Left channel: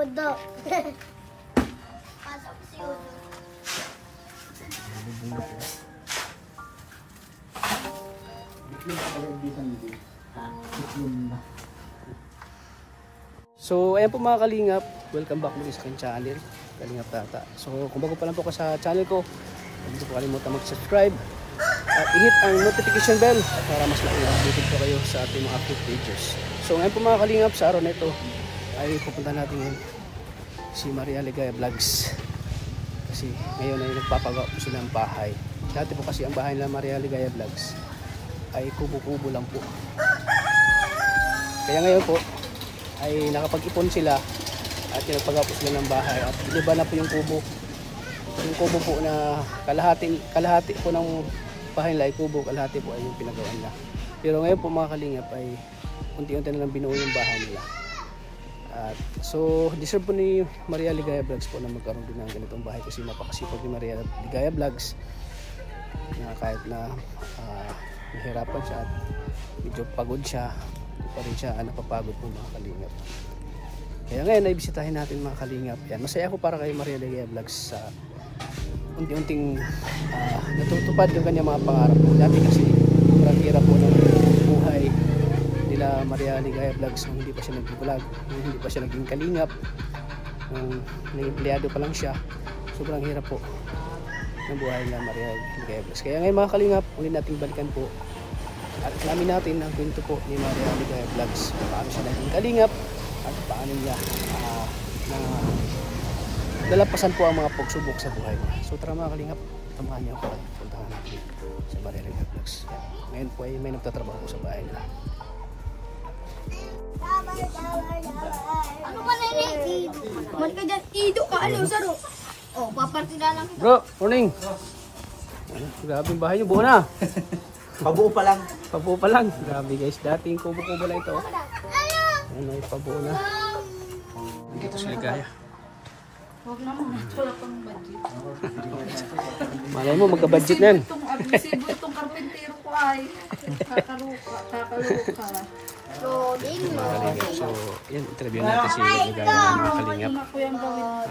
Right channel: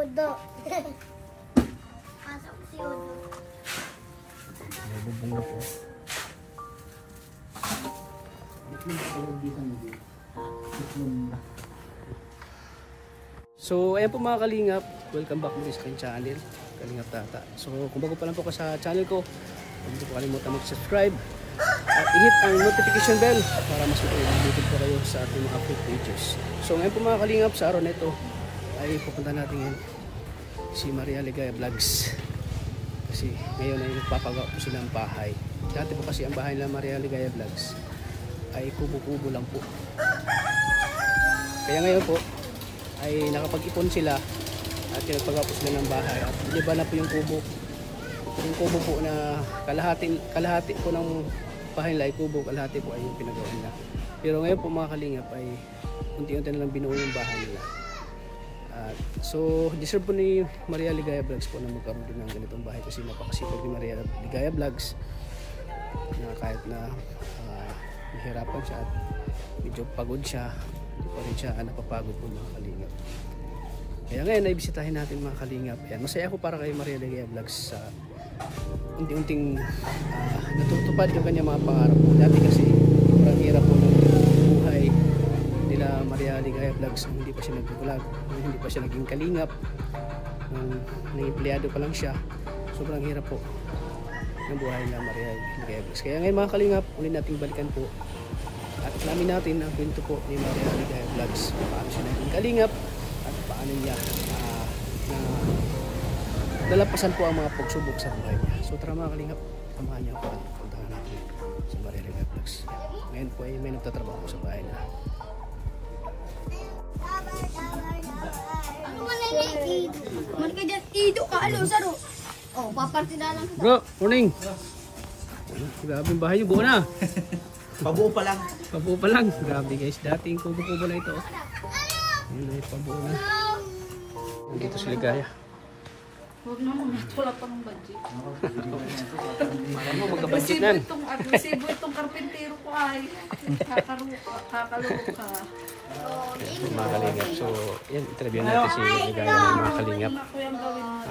Udo. Pasok si Udo. May bubong na po. So, ayan po mga kalingap. Welcome back muli sa aking channel, Kalingap Tata. So, kung bago pa lang po ka sa channel ko, huwag niyo po kalimutan mag-subscribe at i-hit ang notification bell para mas na-updated po kayo sa ating mga upload pages. So, ngayon po mga kalingap, sa araw na ito ay pupunta natin si Maria Ligaya Vlogs. Kasi ngayon ay nagpapagawa po sila ng bahay. Dati po kasi ang bahay nila Maria Ligaya Vlogs ay kubo-kubo lang po. Kaya ngayon po ay nakapag-ipon sila at nagpagawa po sila ng bahay at iniba na po yung kubo. Yung kubo po na kalahati po ng bahay nila ay kubo, kalahati po ay yung pinagawa nila. Pero ngayon po mga kalingap ay unti-unti na lang binuo yung bahay nila. At so deserve po ni Maria Ligaya Vlogs po na magkaroon din ng ganitong bahay kasi napakasipag ni Maria Ligaya Vlogs na kahit na nahirapan siya at medyo pagod siya, hindi pa rin siya napapagod po mga kalingap. Kaya ngayon ay bisitahin natin mga kalingap. Yan, masaya ako para kay Maria Ligaya Vlogs sa unti-unting natutupad yung kanyang mga pangarap po. Dati kasi sobrang hirap po ng buhay nila Maria Ligaya Vlogs nung hindi pa siya nag-vlog, nung hindi pa siya naging kalingap, nung nag-empleyado pa lang siya. Sobrang hirap po ng buhay nila Maria Ligaya Vlogs. Kaya ngayon mga kalingap, ulit nating balikan po at alamin natin ang kwento po ni Maria Ligaya Vlogs, paano siya naging kalingap at paano niya na nalampasan po ang mga pagsubok sa buhay niya. So tara mga kalingap, samahan niyo ako at puntahan natin sa Maria Ligaya Vlogs. Ngayon po ay may nagtatrabaho po sa bahay nila. Ano man na Ido? Man ka dyan, Ido ka, ano, saro? Oh, paparti na lang. Bro, morning! Grabe yung bahay niyo, buo na! Pabuo pa lang. Pabuo pa lang. Grabe guys, dating kubo-kubo lang ito. Ayan ay pabuo na. Nandito si Ligaya. Huwag naman, wala pang budget. Malay mo, magka-budget na yan. Resibo itong karpintero ko ay kakaluka. Mga kalingap. So, yan, interview natin si Ligaya ng mga kalingap.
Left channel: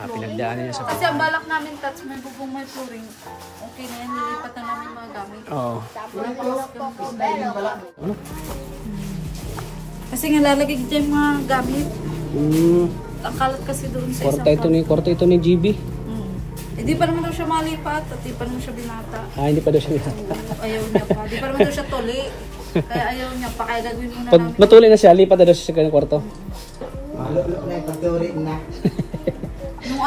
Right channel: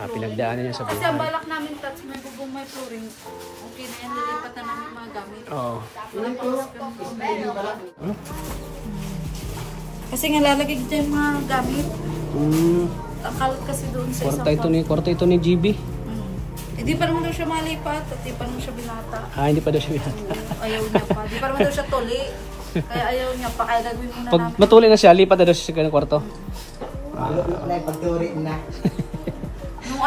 Pinagdaanan niya sa Kasi ang buhay. balak namin touch, may bubong, may flooring. Okay na yan, nilipat na namin mga gamit. Oo. Ano? Kasi nga lalagay dyan yung mga gamit. Akalat kasi doon sa isang Kwarto ito ni GB. Hindi pa naman daw siya malipat at hindi pa naman siya binata. Hindi pa daw siya binata. Ayaw niya pa. Hindi pa naman daw siya tuli. Kaya ayaw niya pa. Kaya gagawin muna Pag namin. matuloy na siya, lipat na daw siya sa kanyang kwarto. Pagturi na.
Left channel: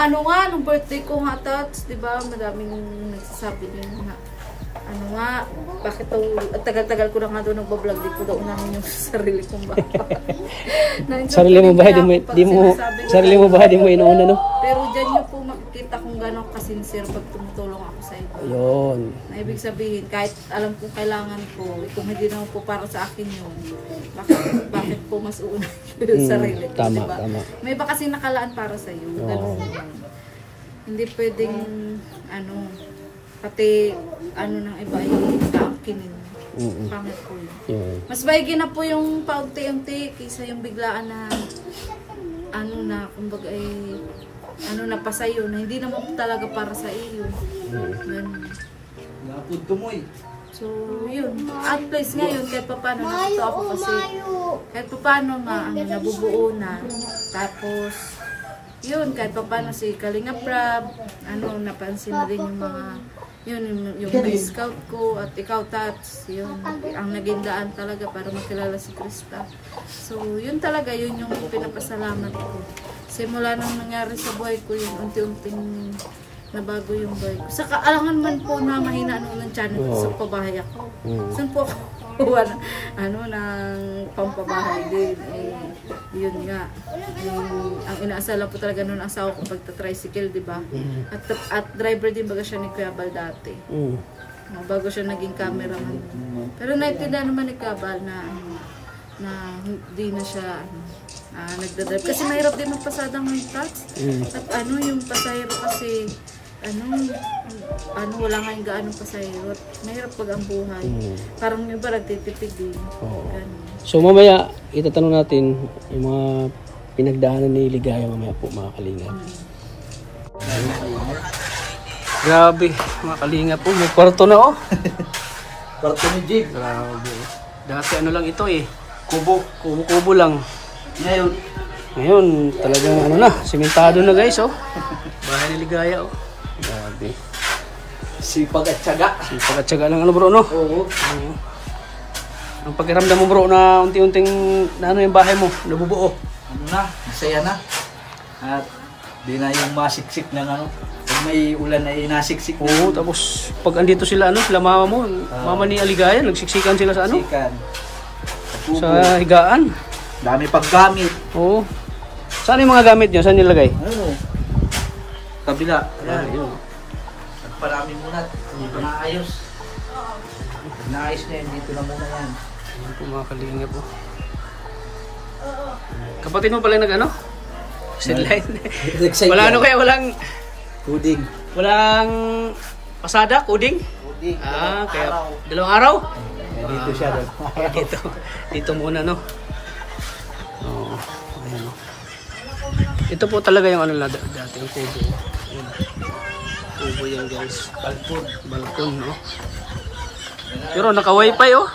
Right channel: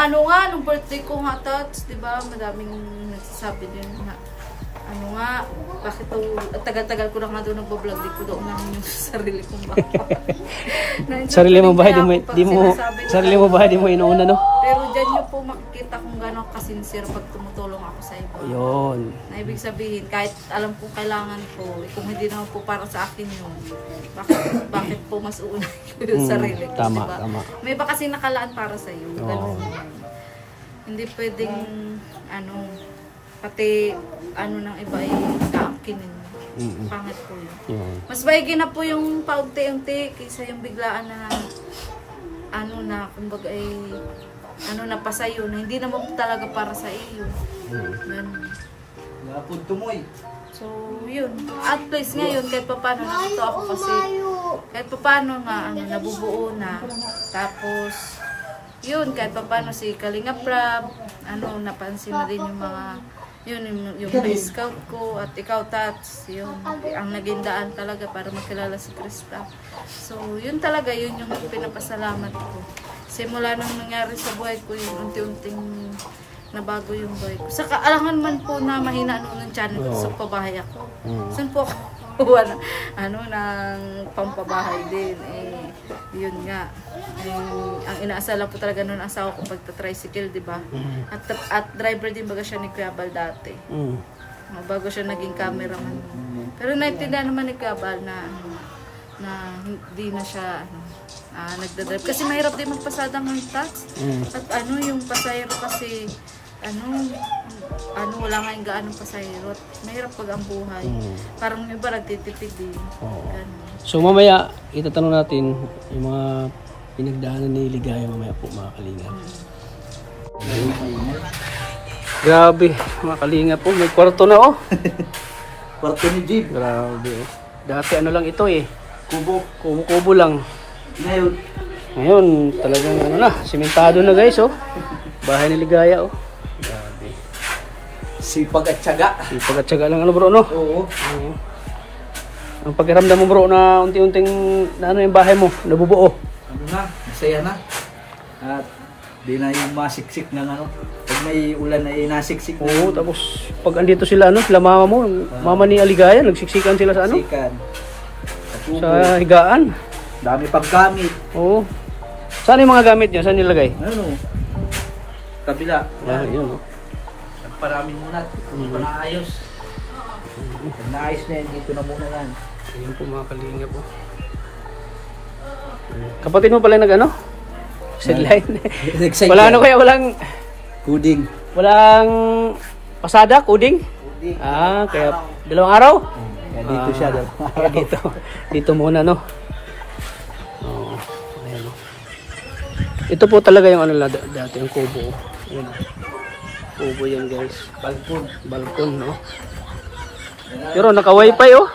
Nung nung birthday ko nga touch, di ba, madaming nagsasabi din na, bakit tagal-tagal ko na nga doon nagbablog, di ko daw unahin yung sarili kong bahay. Sarili mo ba, sarili mo ba, di mo inuuna, no? Pero dyan nyo po makikita kung gano'n kasincere pag tumutulong ako sa iba. Yun. Na ibig sabihin, kahit alam kong kailangan ko, kung hindi naman po para sa akin yun, bakit po mas uuna yung sarili ko, Tama, diba? tama. May iba kasi nakalaan para sa iyo. Ganun yan. Hindi pwedeng, pati, ng iba ay kaangkinin. Pangit po yun. Mas baigi na po yung paunti-unti kaysa yung biglaan na, kumbaga ay, na pa sa'yo, na hindi naman talaga para sa iyo. Ganun. Napod tumoy. So, yun. At least ngayon, kahit pa paano, nakita ako kasi, kahit pa paano nga, nabubuo na. Tapos, yun, kahit pa paano si Kalingap Rab, napansin na rin yung mga, yung scout ko, at ikaw, Tats, yun, ang naging daan talaga para makilala si Krista. So, yun talaga, yun yung pinapasalamat ko. Simula nang nangyari sa buhay ko, yun, unti-unting nabago yung buhay ko. Sa kaalangan man po na mahina ng channel ko, sa pabahay ako. Saan po ako kuha ng pampabahay din. Yun nga. Ang inaasala po talaga noon ang asawa ko pagta-tricycle, di ba? At driver din baga siya ni Kuya Bal dati. Bago siya naging cameraman. Pero naintindihan naman ni Kuya Bal na hindi na siya nagdadrive. Kasi mahirap din magpasadang ng touch. At yung pasahero kasi wala nga yung gaanong pasahero. Mahirap pag ang buhay. Parang yung iba nagtitipid din. So mamaya itatanong natin yung mga pinagdaanan ni Ligaya mamaya po mga kalingap. Grabe mga kalingap po, may kwarto na oh. Kwarto ni Jeep. Grabe oh. Dati ano lang ito eh, Kubo. kubo lang. Ngayon, Ngayon talagang ano na, simentado na guys oh. Bahay ni Ligaya oh. Grabe. sipag at syaga. Sipag at syaga lang ano bro no? Oo. Oo. Ang pakiramdam mo bro na unti-unting na ano yung bahay mo, nabubuo. Ano na, masaya na. At di na yung masiksik ng ano. Pag may ulan ay nasiksik. Oo, tapos pag andito sila ano, sila mama mo, mama ni Aligaya, nagsiksikan sila sa ano? Sikan. Kapubo. Sa higaan. Dami paggamit. Oo. Saan yung mga gamit niya? Saan nilagay? Ano? Kabila. Ah, yun oh. Nagparami muna. Hindi pa naayos. Pag naayos na yun, dito na muna yan. Ayun po mga kalingap po. Kapatid mo pala nag ano? Sideline. Wala ano kaya, Puding. walang pasada, coding? Puding. Ah, kaya dalawang araw? Dito siya. Dito muna no. Oo. Ayan no. Ito po talaga yung ano dati yung kubo. Ayan. Kubo yan guys. Balkon no. Pero naka-wifi oh.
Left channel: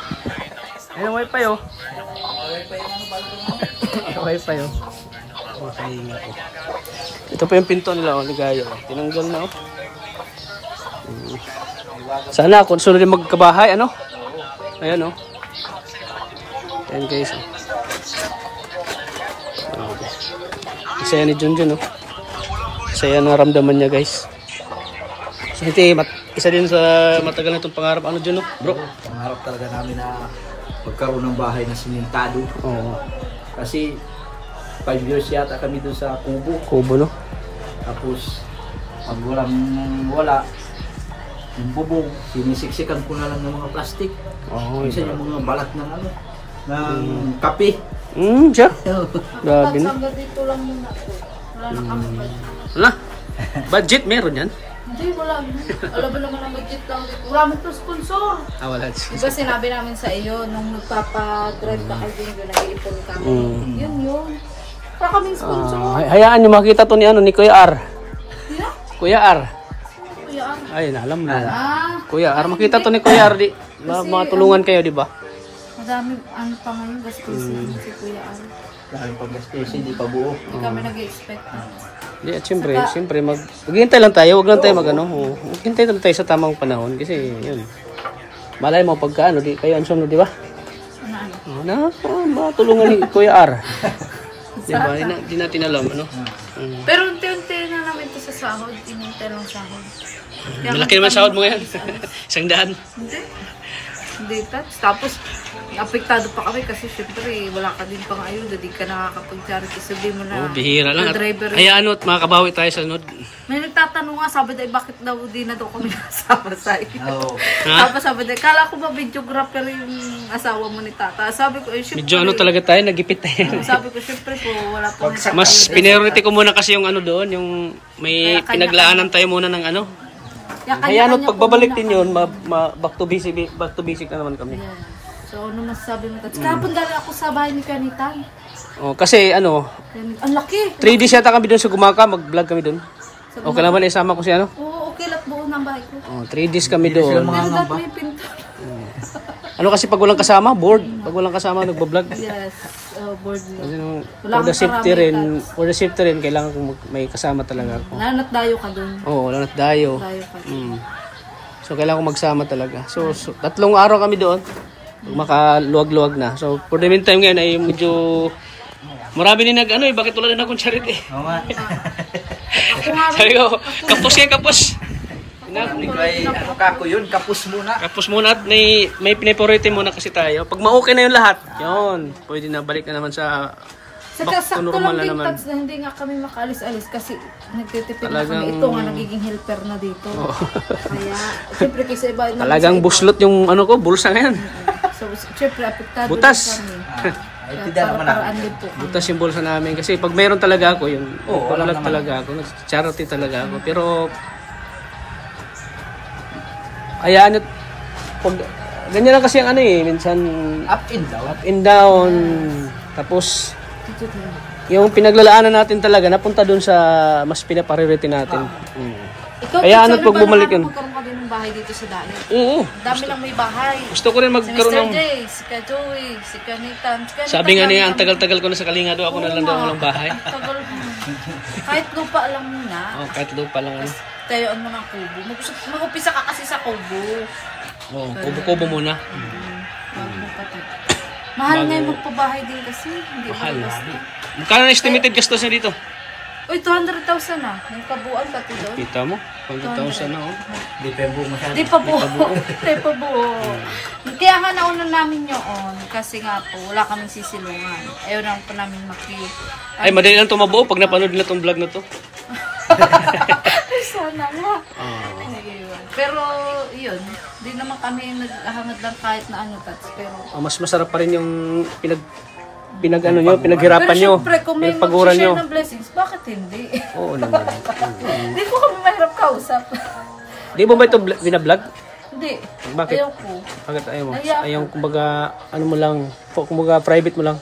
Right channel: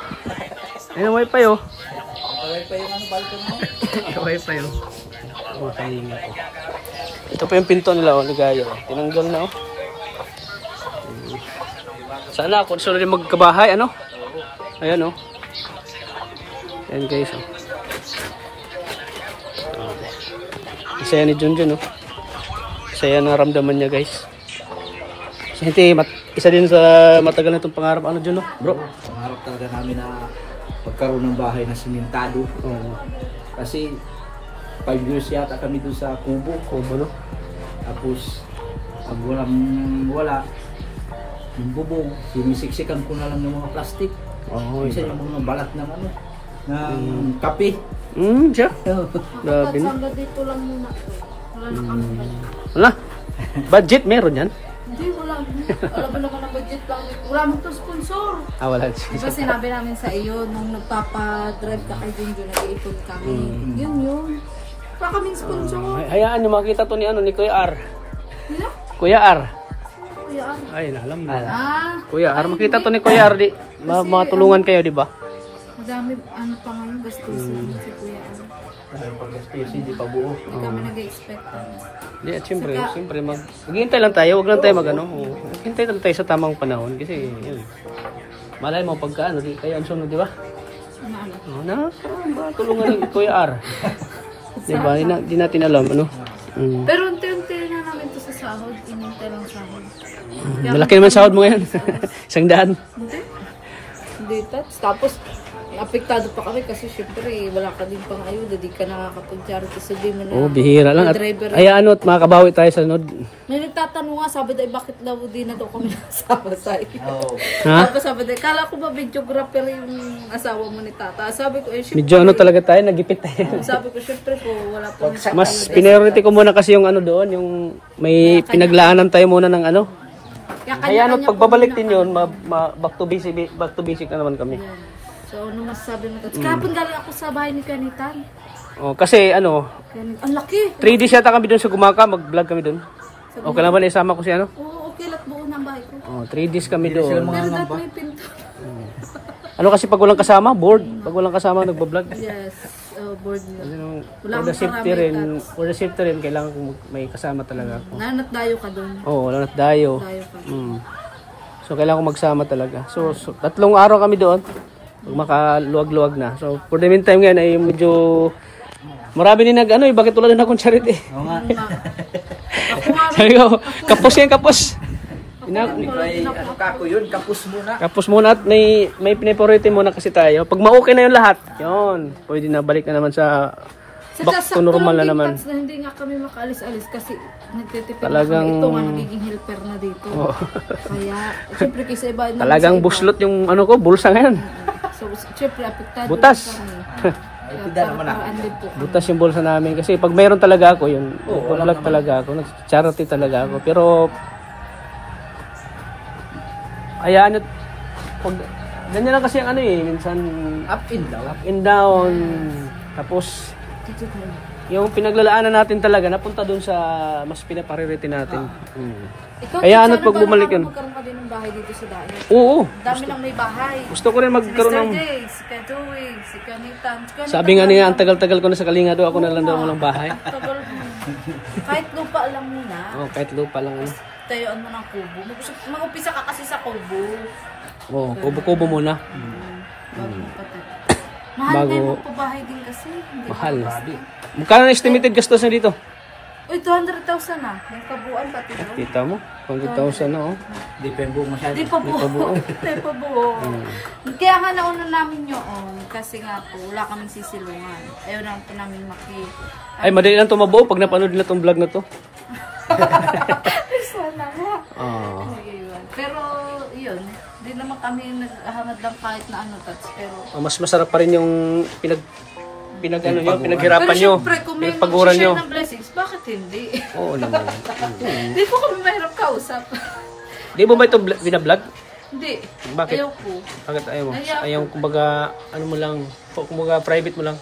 Ayan wifi oh. Naka-wifi oh. Makalinga po. Ito po yung pinto nila oh, Ligaya oh. Tinanggal na oh. Sana kung sunod yung magkabahay ano. Ayan oh. Ayan guys oh. Saya ni Junjun oh. Saya naramdaman niya guys. Isa din sa matagal na itong pangarap ano Jun no? Bro. Pangarap talaga namin na magkaroon ng bahay na simentado. Oo. Kasi 5 years yata kami doon sa kubo. Kubo no? Tapos pag wala yung bubong, sinisiksikan ko na lang ng mga plastic. Oo. Minsan yung mga balat ng ano, ng kape. Siya. Grabe na. Hanggang dito lang muna to. Wala na kami budget. Wala. Budget meron yan? Hindi, wala. Alam mo naman ang budget lang dito. Wala mo to sponsor. Ah, wala. Diba sinabi namin sa iyo, nung nagpapa-drive ka kay Junjo, nag-iipon kami. Yun. Wala kaming sponsor. Hayaan nyo makita to ni ano ni Kuya R. Sino? Kuya R. Kuya Ar. Ay, alam mo. Ah, Kuya R, makita to ni Kuya R di. Matulungan kayo, di ba? madami ang pa ngayon gastusin si Kuya Ar. Dahil pag-gastusin, hindi pa buo. Hindi kami nag-expect. Di, at siyempre, maghintay lang tayo, wag lang tayo mag-ano. Maghintay lang tayo sa tamang panahon kasi yun. Malay mo pagka ano, di kayo ang sunod, di ba? Ano? Matulungan ni Kuya R. Di ba? Di natin alam, ano? Pero unti-unti na namin ito sa sahod. Inintay lang sahod. Malaki naman sahod mo yan. 100. Hindi. Tapos, apektado pa kami kasi syempre wala ka din pang ayuda. Di ka nakakapag-charity. Sabi mo na. Bihira lang. Driver. Ay, ano, makabawi tayo sa sunod. May nagtatanong nga, sabi daw, bakit daw di na daw kami nasama sa iyo? Oo. Ha? Tapos sabi daw, kala ko ba videographer yung asawa mo ni tata? Sabi ko, syempre. Medyo ano talaga tayo, nagipit tayo. Sabi ko, syempre po, wala po nito. Mas priority ko muna kasi yung ano doon, yung may pinaglaanan tayo muna ng ano. Kaya ano, pagbabalik din yun, back to basic na naman kami. So, ano masasabi mo? Kahapon galing ako sa bahay ni Kanitan. Oh, kasi ano, Ang laki. 3 days yata kami doon sa Gumaka, mag-vlog kami doon. Okay lang ba na isama ko si ano? Oo, okay lang buo ng bahay ko. Oh, 3 days kami doon. Pero dati may pinto. Ano kasi pag walang kasama, bored. Pag walang kasama, nagbablog. Yes, board nila. For the safety rin, kailangan kong may kasama talaga ako. Nanat dayo ka doon. Oo, wala nat dayo. Dayo ka. So, kailangan kong magsama talaga. So 3 araw kami doon. Pag makaluwag-luwag na. So, for the meantime ngayon ay medyo marami din nag ano eh. Bakit wala din akong charity? Oo nga. Sabi ko, kapos yan, kapos. Hindi ko ay, ano kako yun, kapus muna. Kapos muna at may pinipriority muna kasi tayo. Pag ma-okay na yung lahat, yun. Pwede na balik na naman sa back to normal na naman. Na hindi nga kami makaalis-alis kasi nagtitipid Talagang na kami. Ito nga nagiging helper na dito. Kaya, siyempre kasi iba. Talagang buslot yung ano ko, bulsa ngayon. So, siyempre, apektado Butas. Para-paraan din po. Butas yung bulsa namin. Kasi pag mayroon talaga ako, yun, nag-vlog talaga ako, nag-charity talaga ako. Pero, ayan, pag, ganyan lang kasi ang ano eh, minsan, Up and down. up and down. Tapos, yung pinaglalaanan natin talaga napunta doon sa mas pinapriority natin. Ikaw, Kaya Pinsan, ano't pag bumalik yun? Magkaroon ka din ng bahay dito sa Dayo. Oo. Dami lang may bahay. Gusto ko rin Si magkaroon Mr. ng... J, si Ka Joey, si Kanitan. Sabi nga niya, ang tagal-tagal ko na sa Kalinga doon, ako na lang daw walang bahay. Tagal mo. Kahit lupa lang muna, Oh, kahit lupa lang ano. tayuan mo ng kubo. Mag-upisa ka kasi sa kubo. Oh, kubo-kubo muna. Bago mo pa to. Mahal Bago- nga yung magpabahay din kasi. Hindi Mahal. pa basta. Magkano na estimated gastos na dito? Uy, 200,000 na. Yung kabuuan pati doon. Kita mo? 100,000 na oh. Di pa yung buo masyado. Di pa buo. Di pa buo. Di pa buo. Kaya nga nauna namin yun. Kasi nga po, wala kaming sisilungan. Ayaw naman po namin Ay, madali lang ito mabuo pag napanood nila itong vlog na to. Sana nga. Oh. Ayun. Pero, yun. Di naman kami naghahangad lang kahit na ano, Tats. Pero, Mas masarap pa rin yung pinaghirapan nyo, syempre, kung may pinagpaguran nyo. mag-share ng blessings, bakit hindi? Oo naman. Hindi po kami mahirap kausap. Di mo ba ito binablog? Hindi. Bakit? Ayaw ko. Bakit ayaw mo? Ayaw. Ayaw, kumbaga, ano mo lang, kumbaga private mo lang.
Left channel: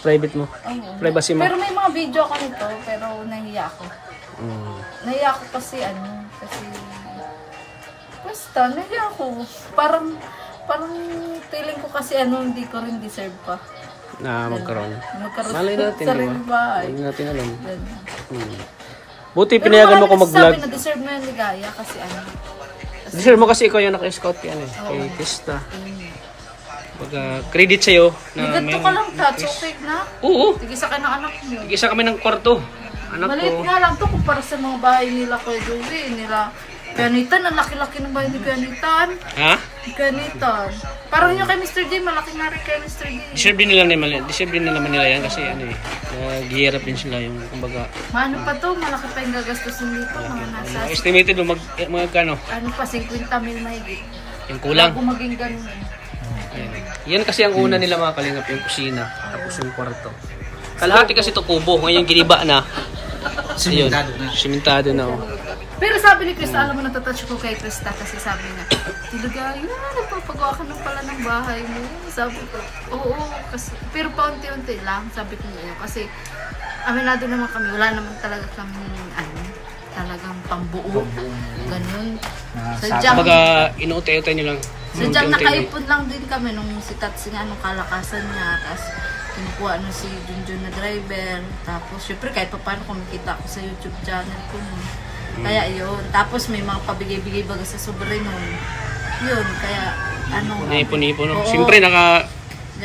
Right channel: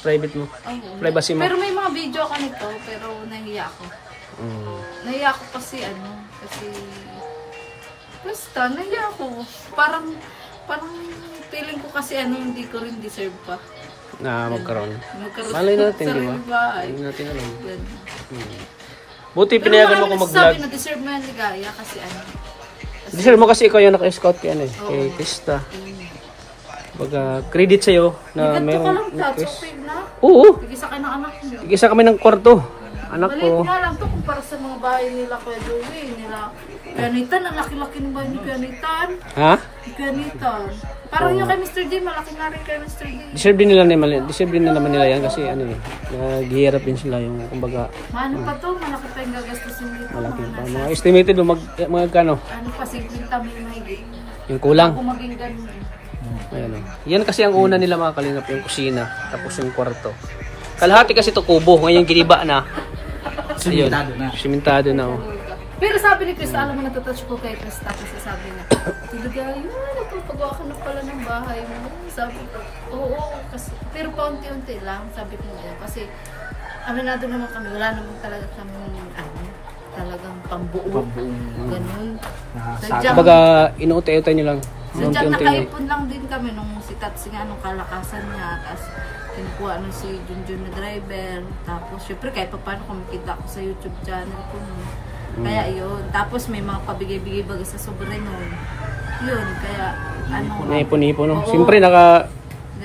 Private mo. Oo. Privacy mo. Pero may mga video ako nito, pero nahiya ako. Nahiya ako kasi basta, nahiya ako. Parang feeling ko kasi hindi ko rin deserve pa. Na magkaroon. Magkaroon Malay natin, di ba? sariling bahay. Hindi natin alam. Ganun. Buti Pero pinayagan mo ko marami mag-vlog. nagsasabi na deserve mo yan ni Gaya kasi Deserve mo kasi ikaw yung naka-scout kay, kay Krista. Baga, credit sa'yo na ganito ka meron. lang, Tats. Okay na. Oo. Sige sa ng anak mo. Isa kami ng kwarto. Anak Maliit ko. nga lang to kumpara sa mga bahay nila Kuya Joey, nila Pianitan. Ang laki-laki ng bahay ni Pianitan. Ha? Pianitan. Parang yung kay Mr. D, malaki nga rin kay Mr. D. Deserve din naman nila yan kasi naghihirap din sila yung kumbaga Maano pa to, malaki pa yung gagastusin dito. Mga nasa, estimated mo magkano? ano pa, 50 mil mahigit. Yung kulang. Kung maging ganun eh. Ayan. Yan kasi ang una nila mga kalingap, yung kusina, tapos yung kwarto. Kalahati kasi to kubo, ngayon giniba na. Ayun, simentado na. Oh. Pero sabi ni Krista, alam mo, natatouch ko kay Krista kasi sabi niya, Tiligay, nagpapagawa ka na pala ng bahay mo. Sabi ko, oo, kasi, pero paunti-unti lang, sabi ko niya. Kasi, aminado naman kami, wala naman talaga kami, talagang pambuo. Ganun. Sadyang, Kumbaga, inuutay-utay nyo lang. sadyang Unti-unti lang. nakaipon lang din kami nung si Tatsi nga, nung kalakasan niya. Tapos, kinukuha nung si Junjun na driver. Tapos, syempre, kahit pa paano kumikita ako sa YouTube channel ko nun. Kaya yun. Tapos, may mga pabigay-bigay baga sa sobre nun. Yun, kaya, Naipon-ipon, no? Oo. Siyempre, Ganun.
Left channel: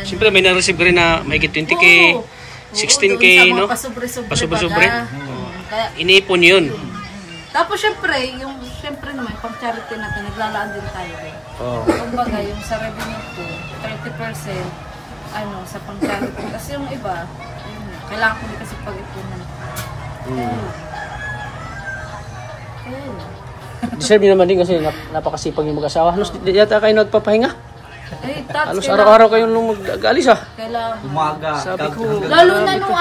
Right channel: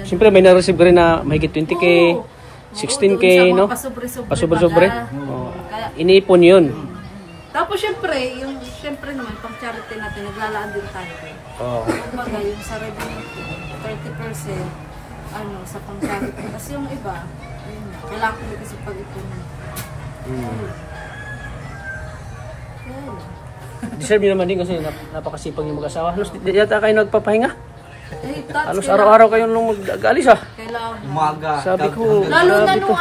siyempre may na-receive ka rin na mahigit 20k, Oo. 16k, Oo, no? Pasobre-sobre. Pasobre-sobre. baga. Kaya, Iniipon yun. tapos syempre, syempre naman, pang charity natin, naglalaan din tayo. Oo. Kumbaga, yung sa revenue ko, 30%, sa pang charity. Kasi yung iba, kailangan ko din kasi pag-ipunan. Kaya yun. Deserve nyo naman din kasi napakasipag yung mag-asawa. Halos di yata kayo nagpapahinga. Eh, Tats, Halos araw-araw kayo nung mag-alis ha. kailangan. Umaga. Sabi ko, Lalo na sabi ko.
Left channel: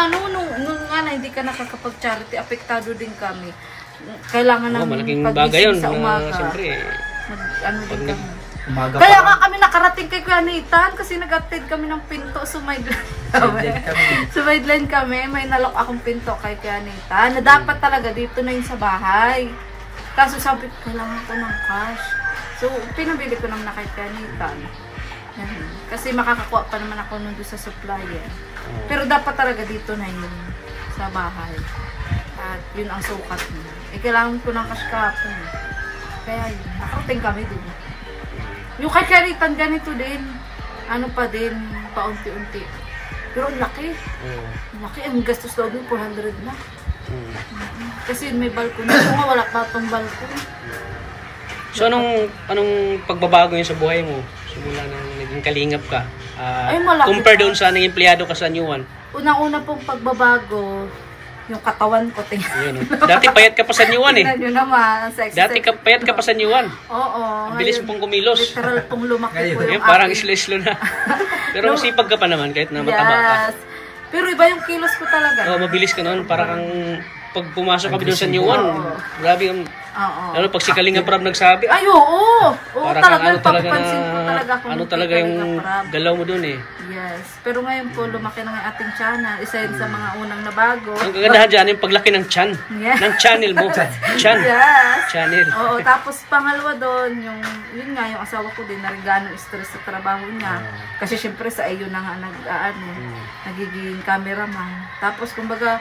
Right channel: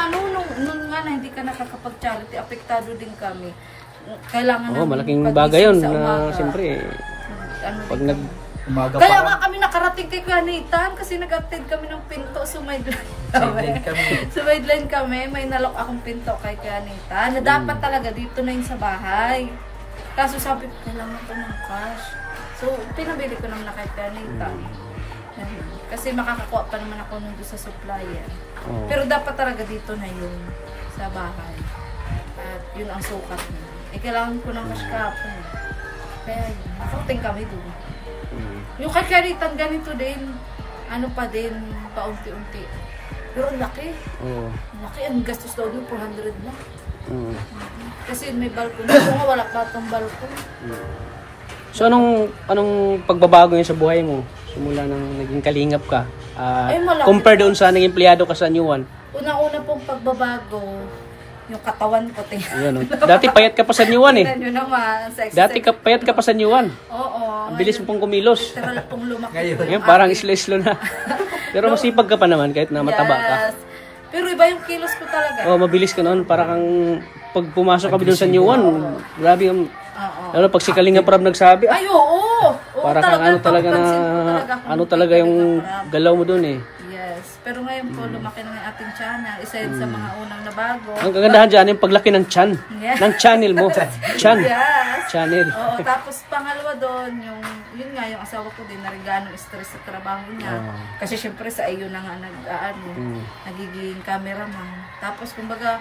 nung nga na hindi ka nakakapag-charity, apektado din kami. Kailangan Oo, namin malaking pagising bagay yun. sa umaga. Siyempre, Ano pag din nag... kami. Umaga Kaya pa. nga kami nakarating kay Kanitan kasi nag-attend kami ng pinto. Sumaidlan kami. May nalok akong pinto kay Kanitan na dapat talaga dito na yun sa bahay. Kaso sabi ko, kailangan ko ng cash. So, pinabili ko naman na kay Kanitan. Kasi makakakuha pa naman ako nun doon sa supplier. Pero dapat talaga dito na yun sa bahay. At yun ang sukat niya. Kailangan ko ng cash kahapon. Kaya yun, nakarating kami dun. Yung kay Kanitan ganito din. Ano pa din, paunti-unti. Pero ang laki. Oo. Ang laki. Ang gastos daw dun, 400 na. Kasi may balkon. Ito nga, wala pa itong balkon. So, anong pagbabago yun sa buhay mo? Simula nang naging kalingap ka. Malaki Compare pa. doon sa naging empleyado ka sa New One. Unang-una pong pagbabago, yung katawan ko. Ayan, oh. Dati payat ka pa sa New One eh. Tingnan nyo naman. Ang sexy. Dati payat ka pa sa New One. Oo. Ang bilis mo pong kumilos. Literal pong lumaki po Ayan, yung parang aking- islo-islo na. Pero masipag ka pa naman kahit na mataba ka. Yes. Pero iba yung kilos ko talaga. Oh, mabilis ka noon. Parang pag pumasok kami doon sa New One, grabe yung... Oo. Lalo pag si Kalinga Prab nagsabi, Ay, oo. Oo, Parang talaga. ano talaga Papansin ko na- talaga talaga ako. ano talaga yung galaw mo doon eh. Yes. Pero ngayon po, lumaki na ng ating tiyanan. Isa yun sa mga unang nabago. Ang kagandahan dyan, yung paglaki ng tiyan. Yeah. Ng channel mo. Chan. Yes. Channel. Oo, tapos pangalawa doon, yun nga, yung asawa ko din, narigaan ng stress sa trabaho niya. Kasi syempre sa iyo na nga nagiging cameraman. Tapos kumbaga,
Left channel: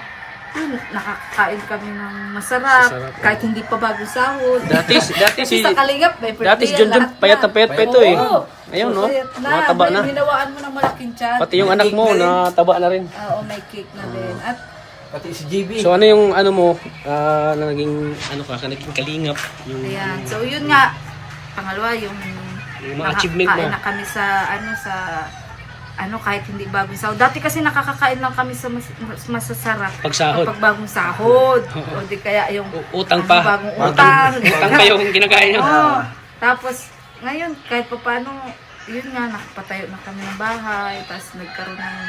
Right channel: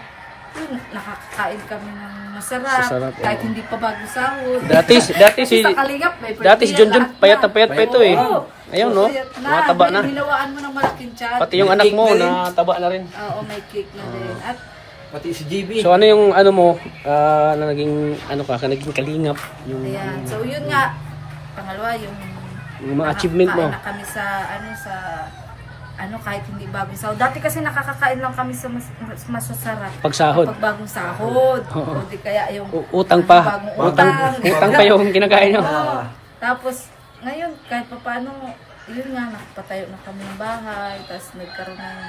yun, nakakain kami ng masarap, kahit hindi pa bago sahod. Dati si sa Kalingap, Dati si Junjun payat na payat pa ito eh. Oo. Ayun no. Mataba na. Nilawaan mo ng malaking tiyan. Pati yung anak mo nataba na rin. Oo, may cake na din. At Pati si JB. So ano yung ano mo na naging ano ka naging kalingap yung ayan. So yun nga, pangalawa yung mga achievement mo. nakakain na kami sa kahit hindi bagong sahod. Dati kasi nakakakain lang kami sa masasarap. Pagsahod. Kapag bagong sahod. O di kaya yung Utang pa. bagong utang. Utang pa yung kinakain nyo. Oo. Tapos, ngayon, kahit pa paano, yun nga, nakapatayo na kami ng bahay. Tapos nagkaroon ng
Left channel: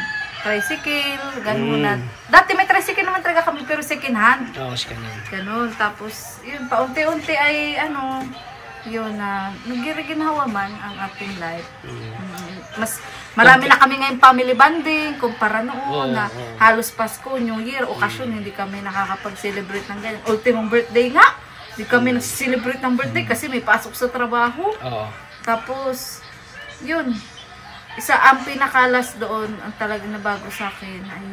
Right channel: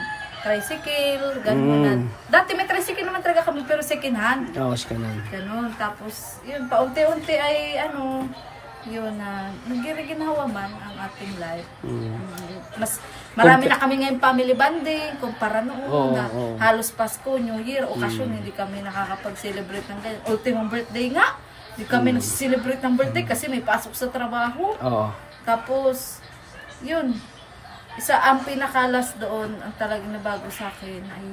tricycle, ganun na. Dati may tricycle naman talaga kami, pero second hand. Oo, ganun. Ganun. Tapos, yun, paunti-unti ay, yun na, nagiginawa man ang ating life. Mas marami na kami ngayon family bonding kumpara noon na halos Pasko, New Year, okasyon, hindi kami nakakapag-celebrate ng ganyan. Ultimong birthday nga, hindi kami nag-celebrate ng birthday kasi may pasok sa trabaho. Tapos, yun, ang pinakalas doon, ang talagang nabago sa akin ay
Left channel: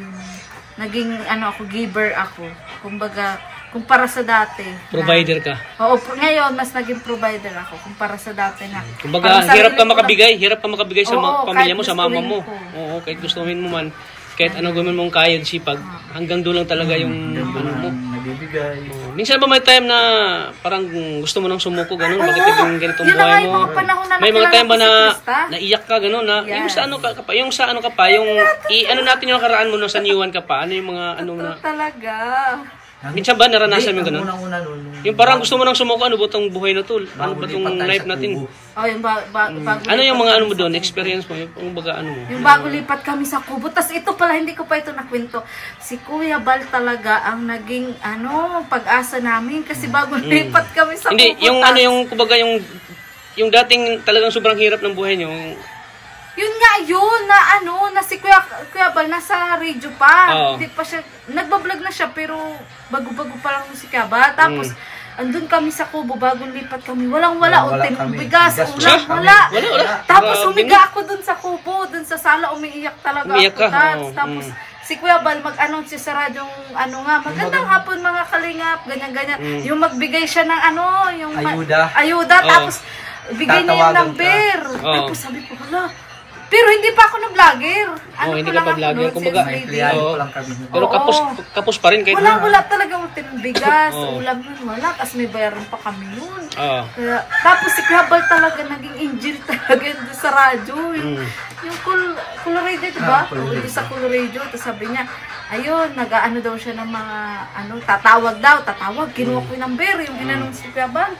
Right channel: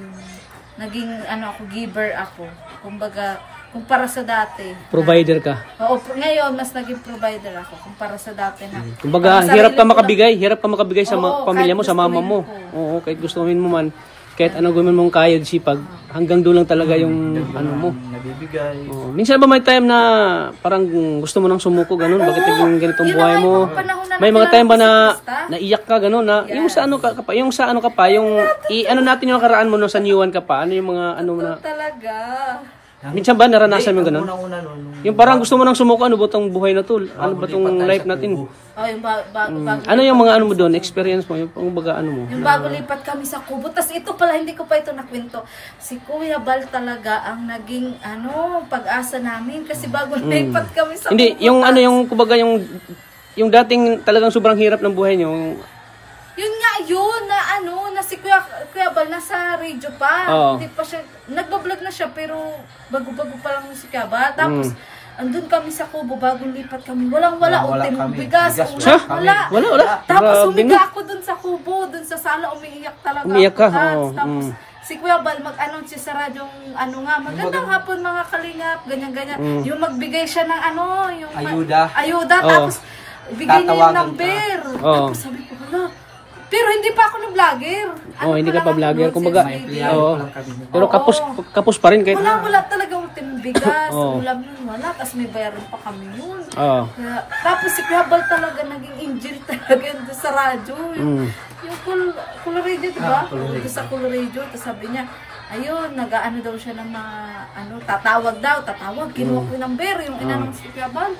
naging ako, giver ako. Kumbaga, kumpara sa dati. Provider ka. Oo, ngayon mas naging provider ako kumpara sa dati na. Kumbaga, hirap ka makabigay sa pamilya mo, sa mama mo. Oo, kahit gustuhin mo man, kahit anong gawin mong kaya, sipag, hanggang doon lang talaga yung ano mo. Nabibigay. Minsan ba may time na parang gusto mo nang sumuko, ganun? Bakit yung ganitong buhay mo? May mga time ba na naiyak ka, ganun? Na, yung sa ano ka pa, yung ano natin yung nakaraan mo no, sa New One ka pa, ano yung mga ano mo na? Talaga. Minsan ba naranasan mo ganun? Unang-una Yung parang gusto mo nang sumuko, ano ba itong buhay na to? Ano ba itong life natin? Yung bago Ano yung mga ano mo doon, experience mo, yung baga ano mo? Yung bago lipat kami sa Kubo. Tapos ito pala, hindi ko pa ito nakwento. Si Kuya Bal talaga ang naging pag-asa namin. Kasi bago lipat kami sa Kubo. Hindi, yung ano yung kumbaga yung dating talagang sobrang hirap ng buhay niyo. Yun nga yun, na si Kuya Bal, nasa radio pa. Hindi pa siya, nagbablog na siya, pero bago-bago pa lang si Kuya Bal. Tapos, andun kami sa Kubo, bagong lipat kami. Walang-wala, bigas, wala. Tapos, humiga ako dun sa Kubo, dun sa sala, umiiyak talaga. Umiiyak ka? Tapos, si Kuya Bal, mag-announce siya sa radyong, magandang hapon mga kalingap, ganyan-ganyan. Yung magbigay siya ng yung ayuda, tapos, bigay niya yung number. Tapos, sabi ko, hala, pero hindi pa ako vlogger. Hindi ka pa vlogger. Kumbaga, pero kapos pa rin. Wala talaga utin bigas. Ulam yun, wala. Kasi may bayaran pa kami yun. Tapos si Kuya Bal talaga naging angel talaga yun sa radyo. Yung Color Radio, diba? Sa Color Radio. Tapos sabi niya, ayun, nag-ano daw siya ng mga, tatawag. Kinuha ko yung number, yung inanong si Kuya Bal.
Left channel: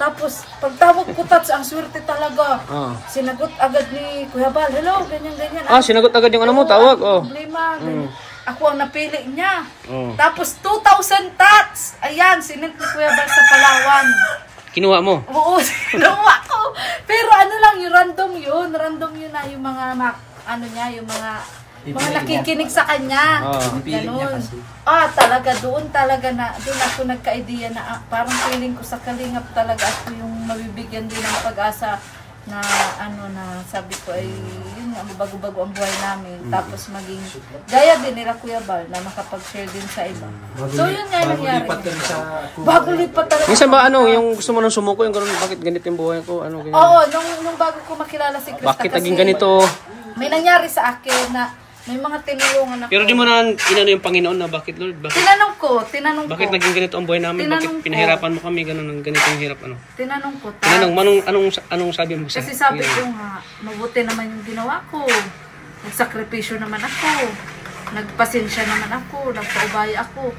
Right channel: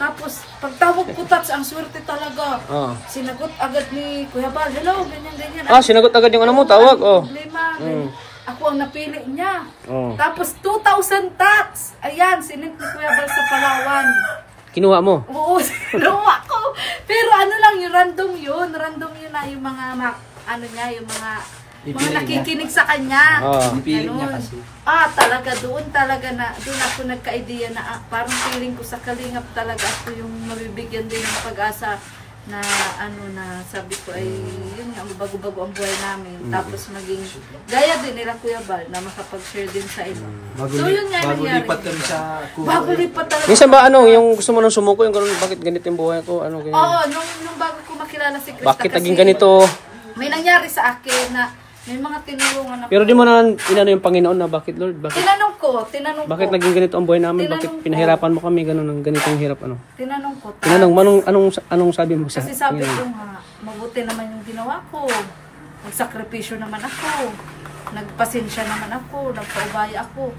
Tapos, pagtawag ko, Tats, ang swerte talaga. Sinagot agad ni Kuya Bal, hello, ganyan-ganyan. Sinagot agad yung ano mo, tawag. Problema. Ako ang napili niya. Tapos, 2,000 Tats. Ayan, sinint ni Kuya Bal sa Palawan. Kinuha mo? Oo, kinuha ko. Pero yung random yun. Random yun na yung mga, yung mga nakikinig sa kanya. Ganun. Talaga doon ako nagka-idea na parang feeling ko sa Kalingap talaga ako yung mabibigyan din ng pag-asa na na sabi ko ay yun nga, bago-bago ang buhay namin. Tapos maging gaya din nila Kuya Bal na makapag-share din sa iba. So yun nga yung nangyari. Bago lipat talaga. Minsan ba yung gusto mo nang sumuko, yung gano'n, bakit ganito yung buhay ko? Oo, nung bago ko makilala si Krista. Bakit naging ganito? May nangyari sa akin na may mga tinulungan ako. Pero di mo na inano yung Panginoon na bakit, Lord? Tinanong ko. Bakit naging ganito ang buhay namin? Bakit pinahirapan mo kami ganun, ganitong hirap Tinanong ko. Anong sabi mo sa? Kasi sabi ko nga, mabuti naman yung ginawa ko. Nagsakripisyo naman ako. Nagpasensya naman ako. Nagpaubaya ako.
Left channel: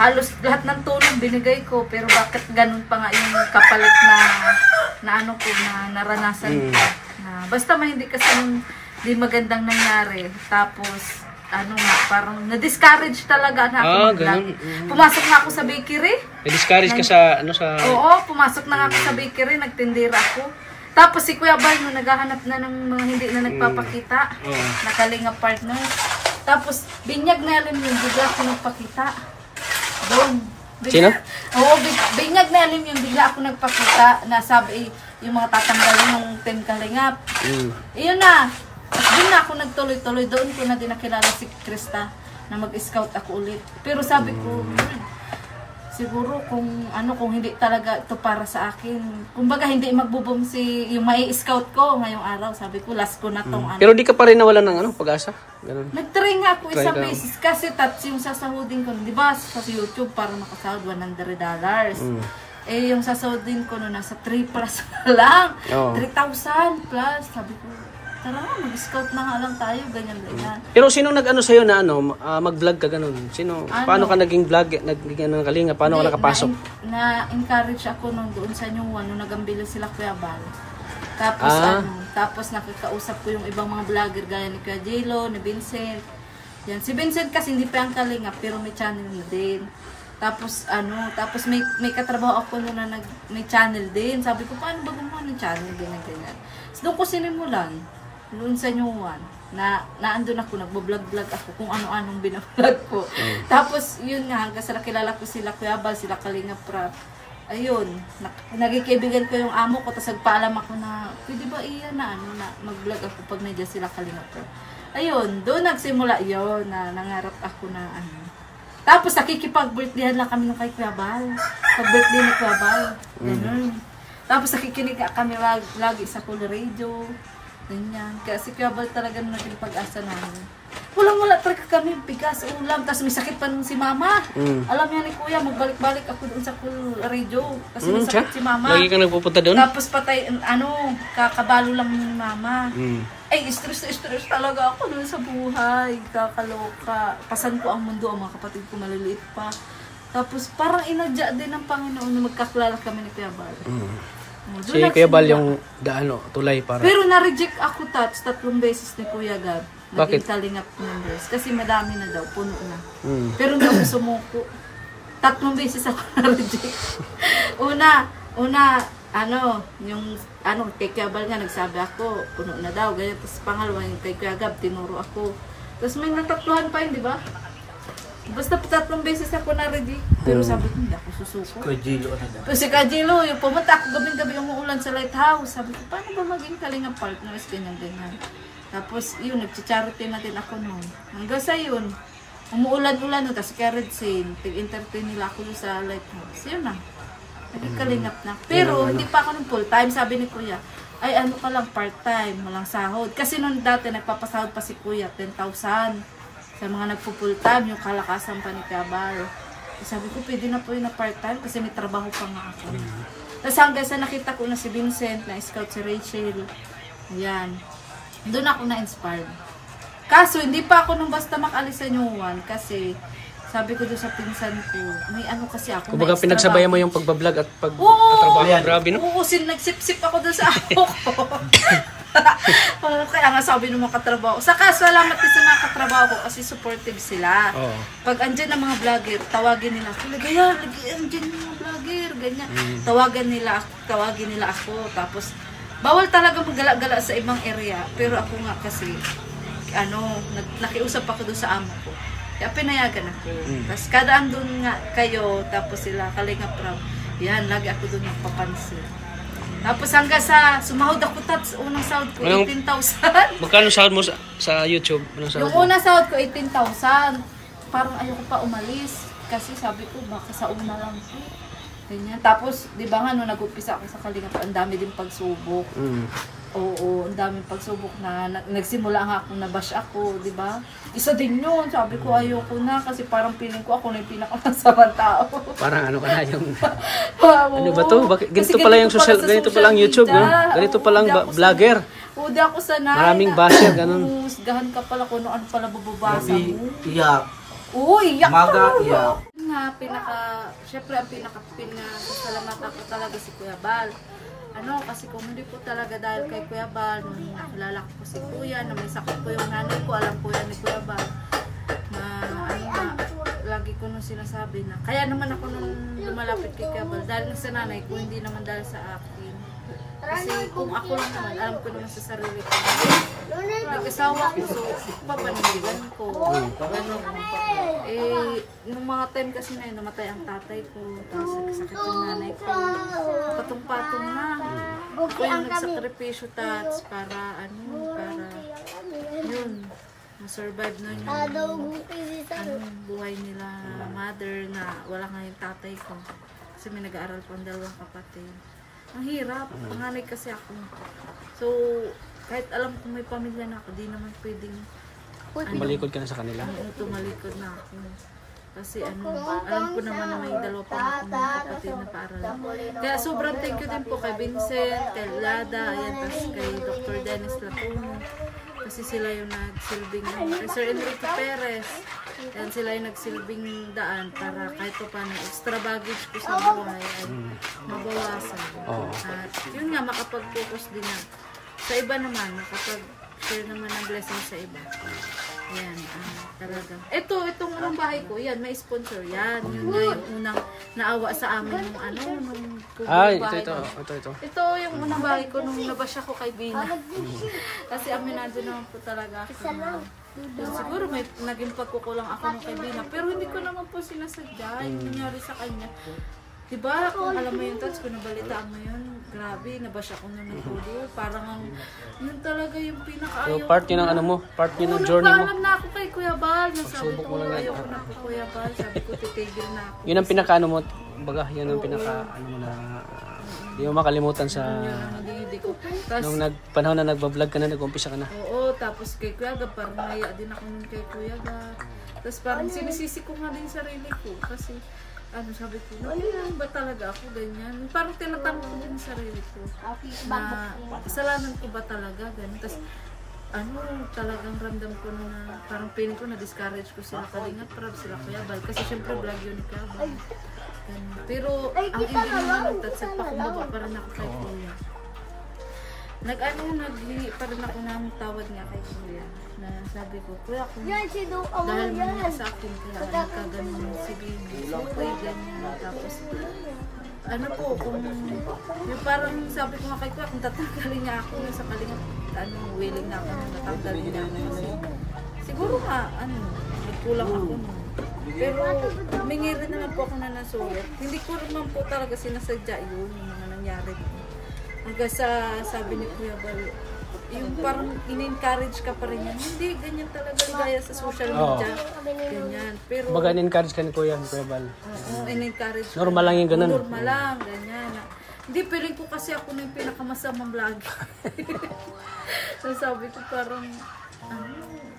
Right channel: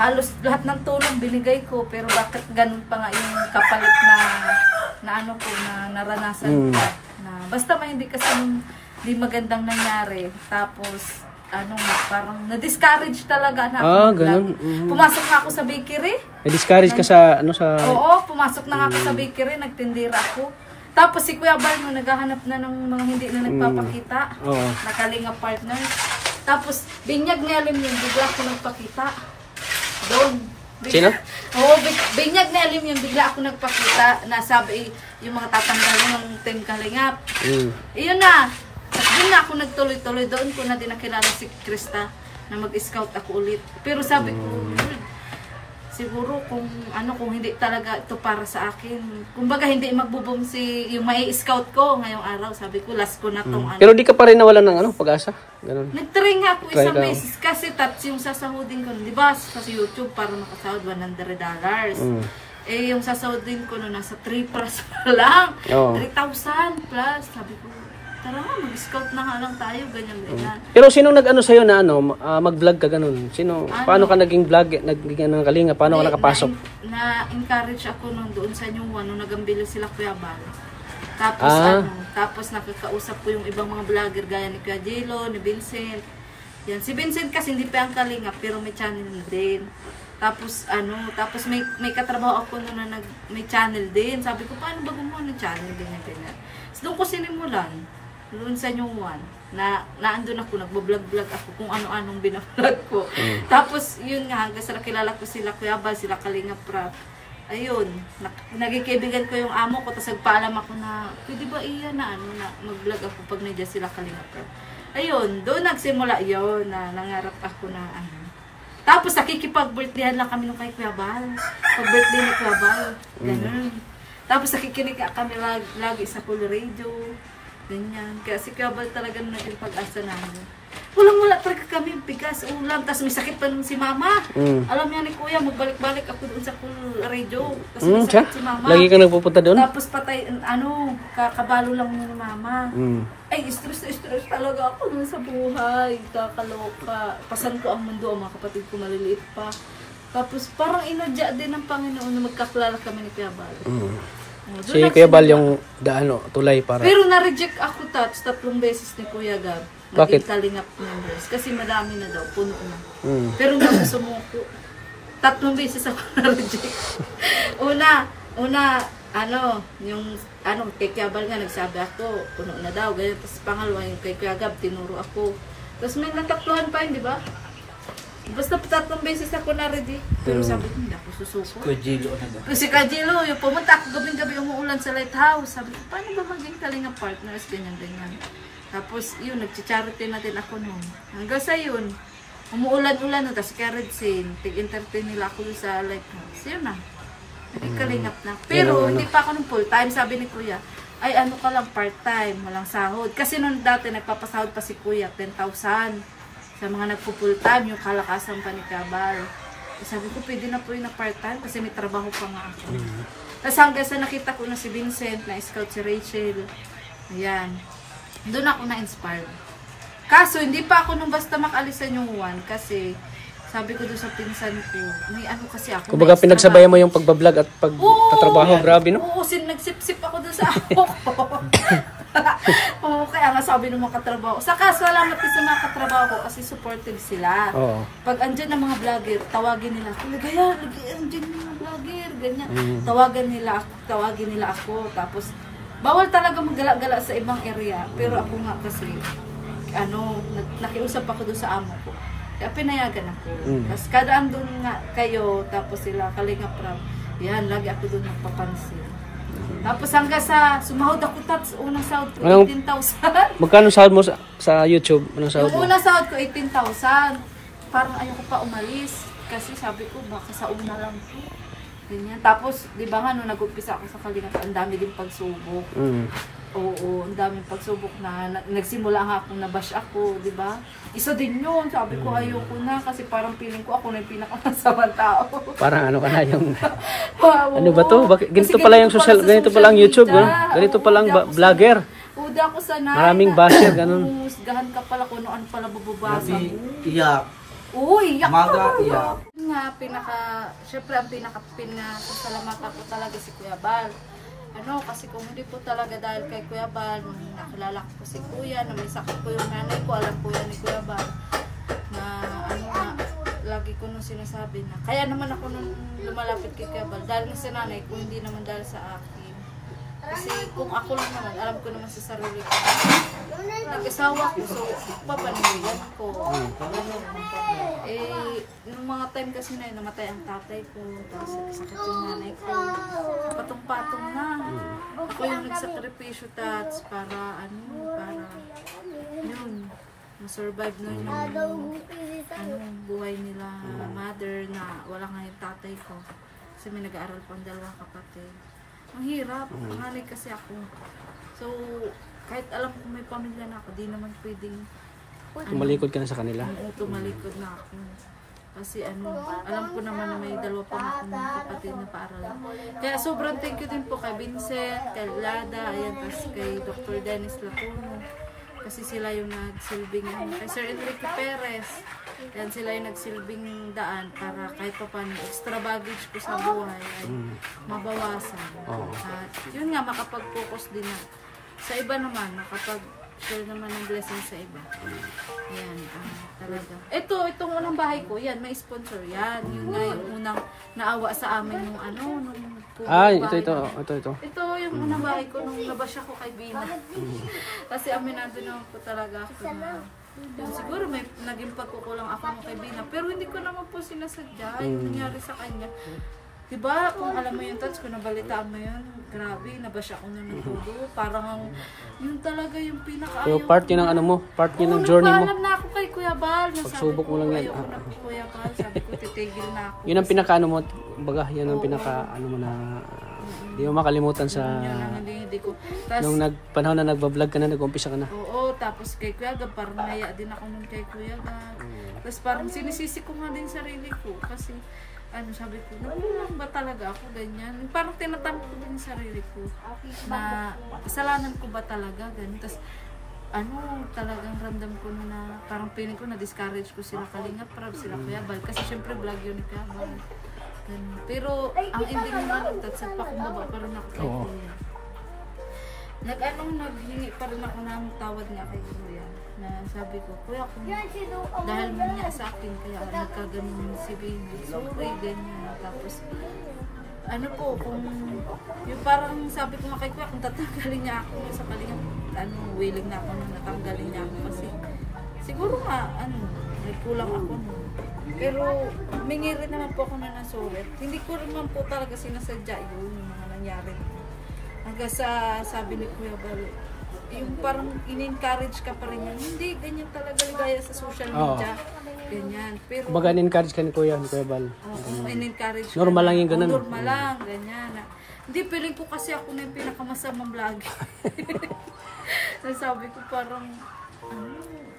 Halos lahat ng tulong binigay ko. Pero bakit ganun pa nga yung kapalit na naranasan ko. Basta may hindi kasi di magandang nangyari. Tapos, parang na-discourage talaga na ako. Ganun. Pumasok na ako sa bakery. Na-discourage ka sa, Oo, pumasok na ako sa bakery. Nagtindira ako. Tapos si Kuya Bal, no, naghahanap na ng mga hindi na nagpapakita. Oo. Nakalinga partner. Tapos, binyag na alim yung bigla ako nagpakita. Doon. Sino? Oo, binyag na alim yung bigla ako nagpakita. Nasabi yung mga tatanggalin ng Team Kalingap. Iyon na. At doon na ako nagtuloy-tuloy. Doon ko na din nakilala si Krista na mag-scout ako ulit. Pero sabi ko, siguro kung hindi talaga ito para sa akin. Kumbaga hindi magbo-boom yung may scout ko ngayong araw. Sabi ko, last ko na tong Pero di ka pa rin nawalan ng pag-asa? Ganun. Nag-try nga ako Try isang ka. beses kasi yung sasahudin ko, di ba, sa YouTube para makasahod $100. Eh, yung sasahudin ko no, nasa 3 plus lang. Oo. 3,000 plus. Sabi ko, tara, mag-scout na nga lang tayo, ganyan. Pero sino nag-ano sa'yo na mag-vlog ka ganun? Sino? Ano? Paano ka naging vlog? Naging Kalinga? Paano ka nakapasok? Na-encourage ako nung doon sa New One, nung nagambilo sila Kuya Bal. Tapos tapos nakikausap ko yung ibang mga vlogger gaya ni Kuya Jelo, ni Vincent. Yan, si Vincent kasi hindi pa ang Kalinga pero may channel na din. Tapos tapos may katrabaho ako noon na may channel din. Sabi ko, paano ba gumawa ng channel ganyan. So doon ko sinimulan. Noon sa New One, na andun ako, nagbo-vlog-vlog ako kung ano-anong binablog ko. Tapos, yun nga, hanggang sa nakilala ko sila Kuya Bal, sila Kalinga Prab. Ayun, nagkikaibigan ko yung amo ko, tapos nagpaalam ako na, pwede ba iya na mag-vlog ako pag nandiyan sila Kalinga Prab. Ayun, doon nagsimula yun, na nangarap ako na Tapos, nakikipag-birthdayhan lang kami nung kay Kuya Bal. Pag-birthday ni Kuya Bal. Ganun. Tapos, nakikinig kami lagi sa Pool Radio. Ganyan. Kaya si Kuya Bal talaga naging pag-asa namin. Wala talaga kami, bigas, ulam. Tapos may sakit pa nung si Mama. Alam niya ni Kuya, magbalik-balik ako doon sa Pool Radio. Kasi may sakit si Mama. Lagi kang nagpupunta doon? Tapos patay, kakabalo lang ni Mama. Ay, stress talaga ako doon sa buhay. Kakaloka. Pasan ko ang mundo, ang mga kapatid ko maliliit pa. Tapos parang inadya din ng Panginoon na magkaklala kami ni Kuya Bal. Si Kuya Bal yung tulay para... Pero na-reject ako 3 beses ni Kuya Gab. Bakit? Naging Kalingap members. Kasi madami na daw, puno na. Pero hindi ako sumuko. 3 beses ako na-reject. Una, kay Kuya Bal nga nagsabi ako, puno na daw, ganyan. Tapos pangalawa, yung kay Kuya Gab, tinuro ako. Tapos may natatluhan pa yun, di ba? Basta 3 beses ako na-ready. Pero sabi ko, hindi ako susuko. Kuya Jilo na Kasi Kuya Jilo, yung pumunta ako gabing-gabi umuulan sa lighthouse. Sabi ko, paano ba maging Kalinga partners? Ganyan. Tapos, yun, nag-charity na din ako noon. Hanggang sa yun, umuulan-ulan na. Tapos kaya Red Scene, tig-entertain nila ako sa lighthouse. Yun na. Naging Kalingap na. Pero, hindi pa ako nung full-time. Sabi ni Kuya, ay ka lang part-time, walang sahod. Kasi noon dati, nagpapasahod pa si Kuya, 10,000. Sa mga nagpo-full time, yung kalakasan pa ni Kuya Bal. Sabi ko, pwede na po yun na part-time kasi may trabaho pa nga ako. Tapos hanggang sa nakita ko na si Vincent, na-scout si Rachel. Ayan. Doon ako na-inspire. Kaso, hindi pa ako nung basta makalis sa New One kasi sabi ko doon sa pinsan ko, may kasi ako. Kumbaga pinagsabayan mo yung pagbablog at pagtatrabaho. Grabe, no? Oo, nagsip-sip ako doon sa ako ko. Kaya nga sabi ng mga katrabaho. Saka salamat din sa mga katrabaho ko kasi supportive sila. Pag andyan ng mga vlogger, tawagin nila ako. Ligaya, andyan yung mga vlogger. Ganyan. Tawagin nila ako. Tapos, bawal talaga maggala-gala sa ibang area. Pero ako nga kasi, nakiusap ako doon sa amo ko. Kaya pinayagan ako. Tapos kada andun nga kayo, tapos sila Kalinga Prab. Yan, lagi ako doon nagpapansin. Tapos hanggang sa sumahod ako unang sahod ko, 18,000. Magkano sahod mo sa YouTube? Anong sahod mo? Yung unang sahod ko, 18,000. Parang ayoko pa umalis. Kasi sabi ko, baka sa una lang ko. Ganyan. Tapos, di ba nga, nung nag-upisa ako sa Kalinga, ang dami din pagsubok. Oo, ang daming pagsubok na nagsimula nga akong nabash ako, di ba? Isa din yun. Sabi ko, ayoko na kasi parang feeling ko ako na yung pinakamasamang tao. Parang ka na yung... ano ba to? Ganito pala yung ganito pala ang YouTube, no? Ganito pala ang vlogger. Di ako sanay. Maraming basher, ganun. Husgahan ka pala kung ano pala bababasa mo. Iyak. Oo, iyak Maga, ka. iyak. Syempre ang pinakasalamatan ko talaga si Kuya Bal. Kasi kung hindi po talaga dahil kay Kuya Bal, nung nakilala ko si Kuya, na may sakit po yung nanay ko, alam po yan ni Kuya Bal, na lagi ko nung sinasabi na, kaya naman ako nung lumalapit kay Kuya Bal, dahil sa nanay ko, hindi naman dahil sa akin. Kasi kung ako lang naman, alam ko naman sa sarili ko. Nag-asawa ko, so papaniligan ko. Ganun. Eh, nung mga time kasi na yun, namatay ang tatay ko, tapos nagkasakit yung nanay ko. Patong-patong na. Ako yung nagsakripisyo tats para yun, ma-survive na yung buhay nila mother na wala nga yung tatay ko. Kasi may nag-aaral pang dalawang kapatid. Ang hirap, panganay kasi ako. So, kahit alam kong may pamilya na ako, di naman pwedeng Tumalikod ka na sa kanila. tumalikod na ako. Kasi alam ko naman na may dalawa pang ako ng kapatid na paaralan. Kaya sobrang thank you din po kay Vincent, kay Lada, ayan, tapos kay Dr. Dennis Latuno. Kasi sila yung nagsilbing, kay Sir Enrique Perez, yan sila yung nagsilbing daan para kahit pa paano extra baggage ko sa buhay ay mabawasan. At yun nga, makapag-focus din na. Sa iba naman, makapag-share naman ng blessing sa iba. Yan, talaga. Itong unang bahay ko, yan, may sponsor yan. Yun nga yung unang naawa sa amin nung Ito. ito yung unang bahay ko nung nabasya ko kay Bina. Kasi aminado naman po talaga ako na yun, siguro may naging pagkukulang ako nung kay Bina. Pero hindi ko naman po sinasadya yung nangyari sa kanya. Diba, kung alam mo yung touch, kung nabalitaan mo yun, grabe, nabasya ko na ng todo. Parang yun talaga yung pinaka-ayaw. So, part yun ng ano mo, part yun ng journey mo. Nagpaalam na ako kay Kuya Bal. Pagsubok mo lang yan. Ayoko na po Kuya Bal. Sabi ko, titigil na ako. Yun ang pinaka-ano mo, baga, yan ang pinaka-ano mo na hindi mo makalimutan sa Hindi ko. Tas, nung panahon na nagbablog ka na, nag-umpisa ka na. oo, tapos kay Kuya Gab, parang naya din ako nun kay Kuya Gab. Tapos parang sinisisi ko nga din sarili ko. Kasi, sabi ko, nakulang ba talaga ako ganyan? Parang tinatanong ko din sa sarili ko na kasalanan ko ba talaga ganyan? Tapos talagang ramdam ko na parang feeling ko na-discourage ko sila Kalinga Prab, sila Kuya Bal. Kasi syempre vlog yun ni Kuya Bal. Ganun. Pero ang ending naman nagtatsag pa, kumbaba pa rin ako kay Kuya. Naghingi pa rin ako ng tawad nga kay Kuya. Na sabi ko, Kuya, kung dahil man niya sa akin, kaya nagkaganon si Bini. Sorry, ganyan. Tapos, kung yung parang sabi ko nga kay Kuya, kung tatanggalin niya ako sa Kalinga, willing na ako na natanggalin niya ako. Kasi, siguro nga, nagkulang ako nun. Pero, humingi rin naman po ako na sorry. Hindi ko naman po talaga sinasadya yun, yung mga nangyari. Hanggang sa sabi ni Kuya Bal, yung parang in-encourage ka pa rin yan. Hindi, ganyan talaga ligaya sa social media. Ganyan. Pero, Baga, in-encourage ka ni Kuya Bal. in-encourage Normal lang yung ganun. Normal lang, ganyan. Hindi, feeling ko kasi ako na yung pinakamasamang vlog. Sabi ko parang,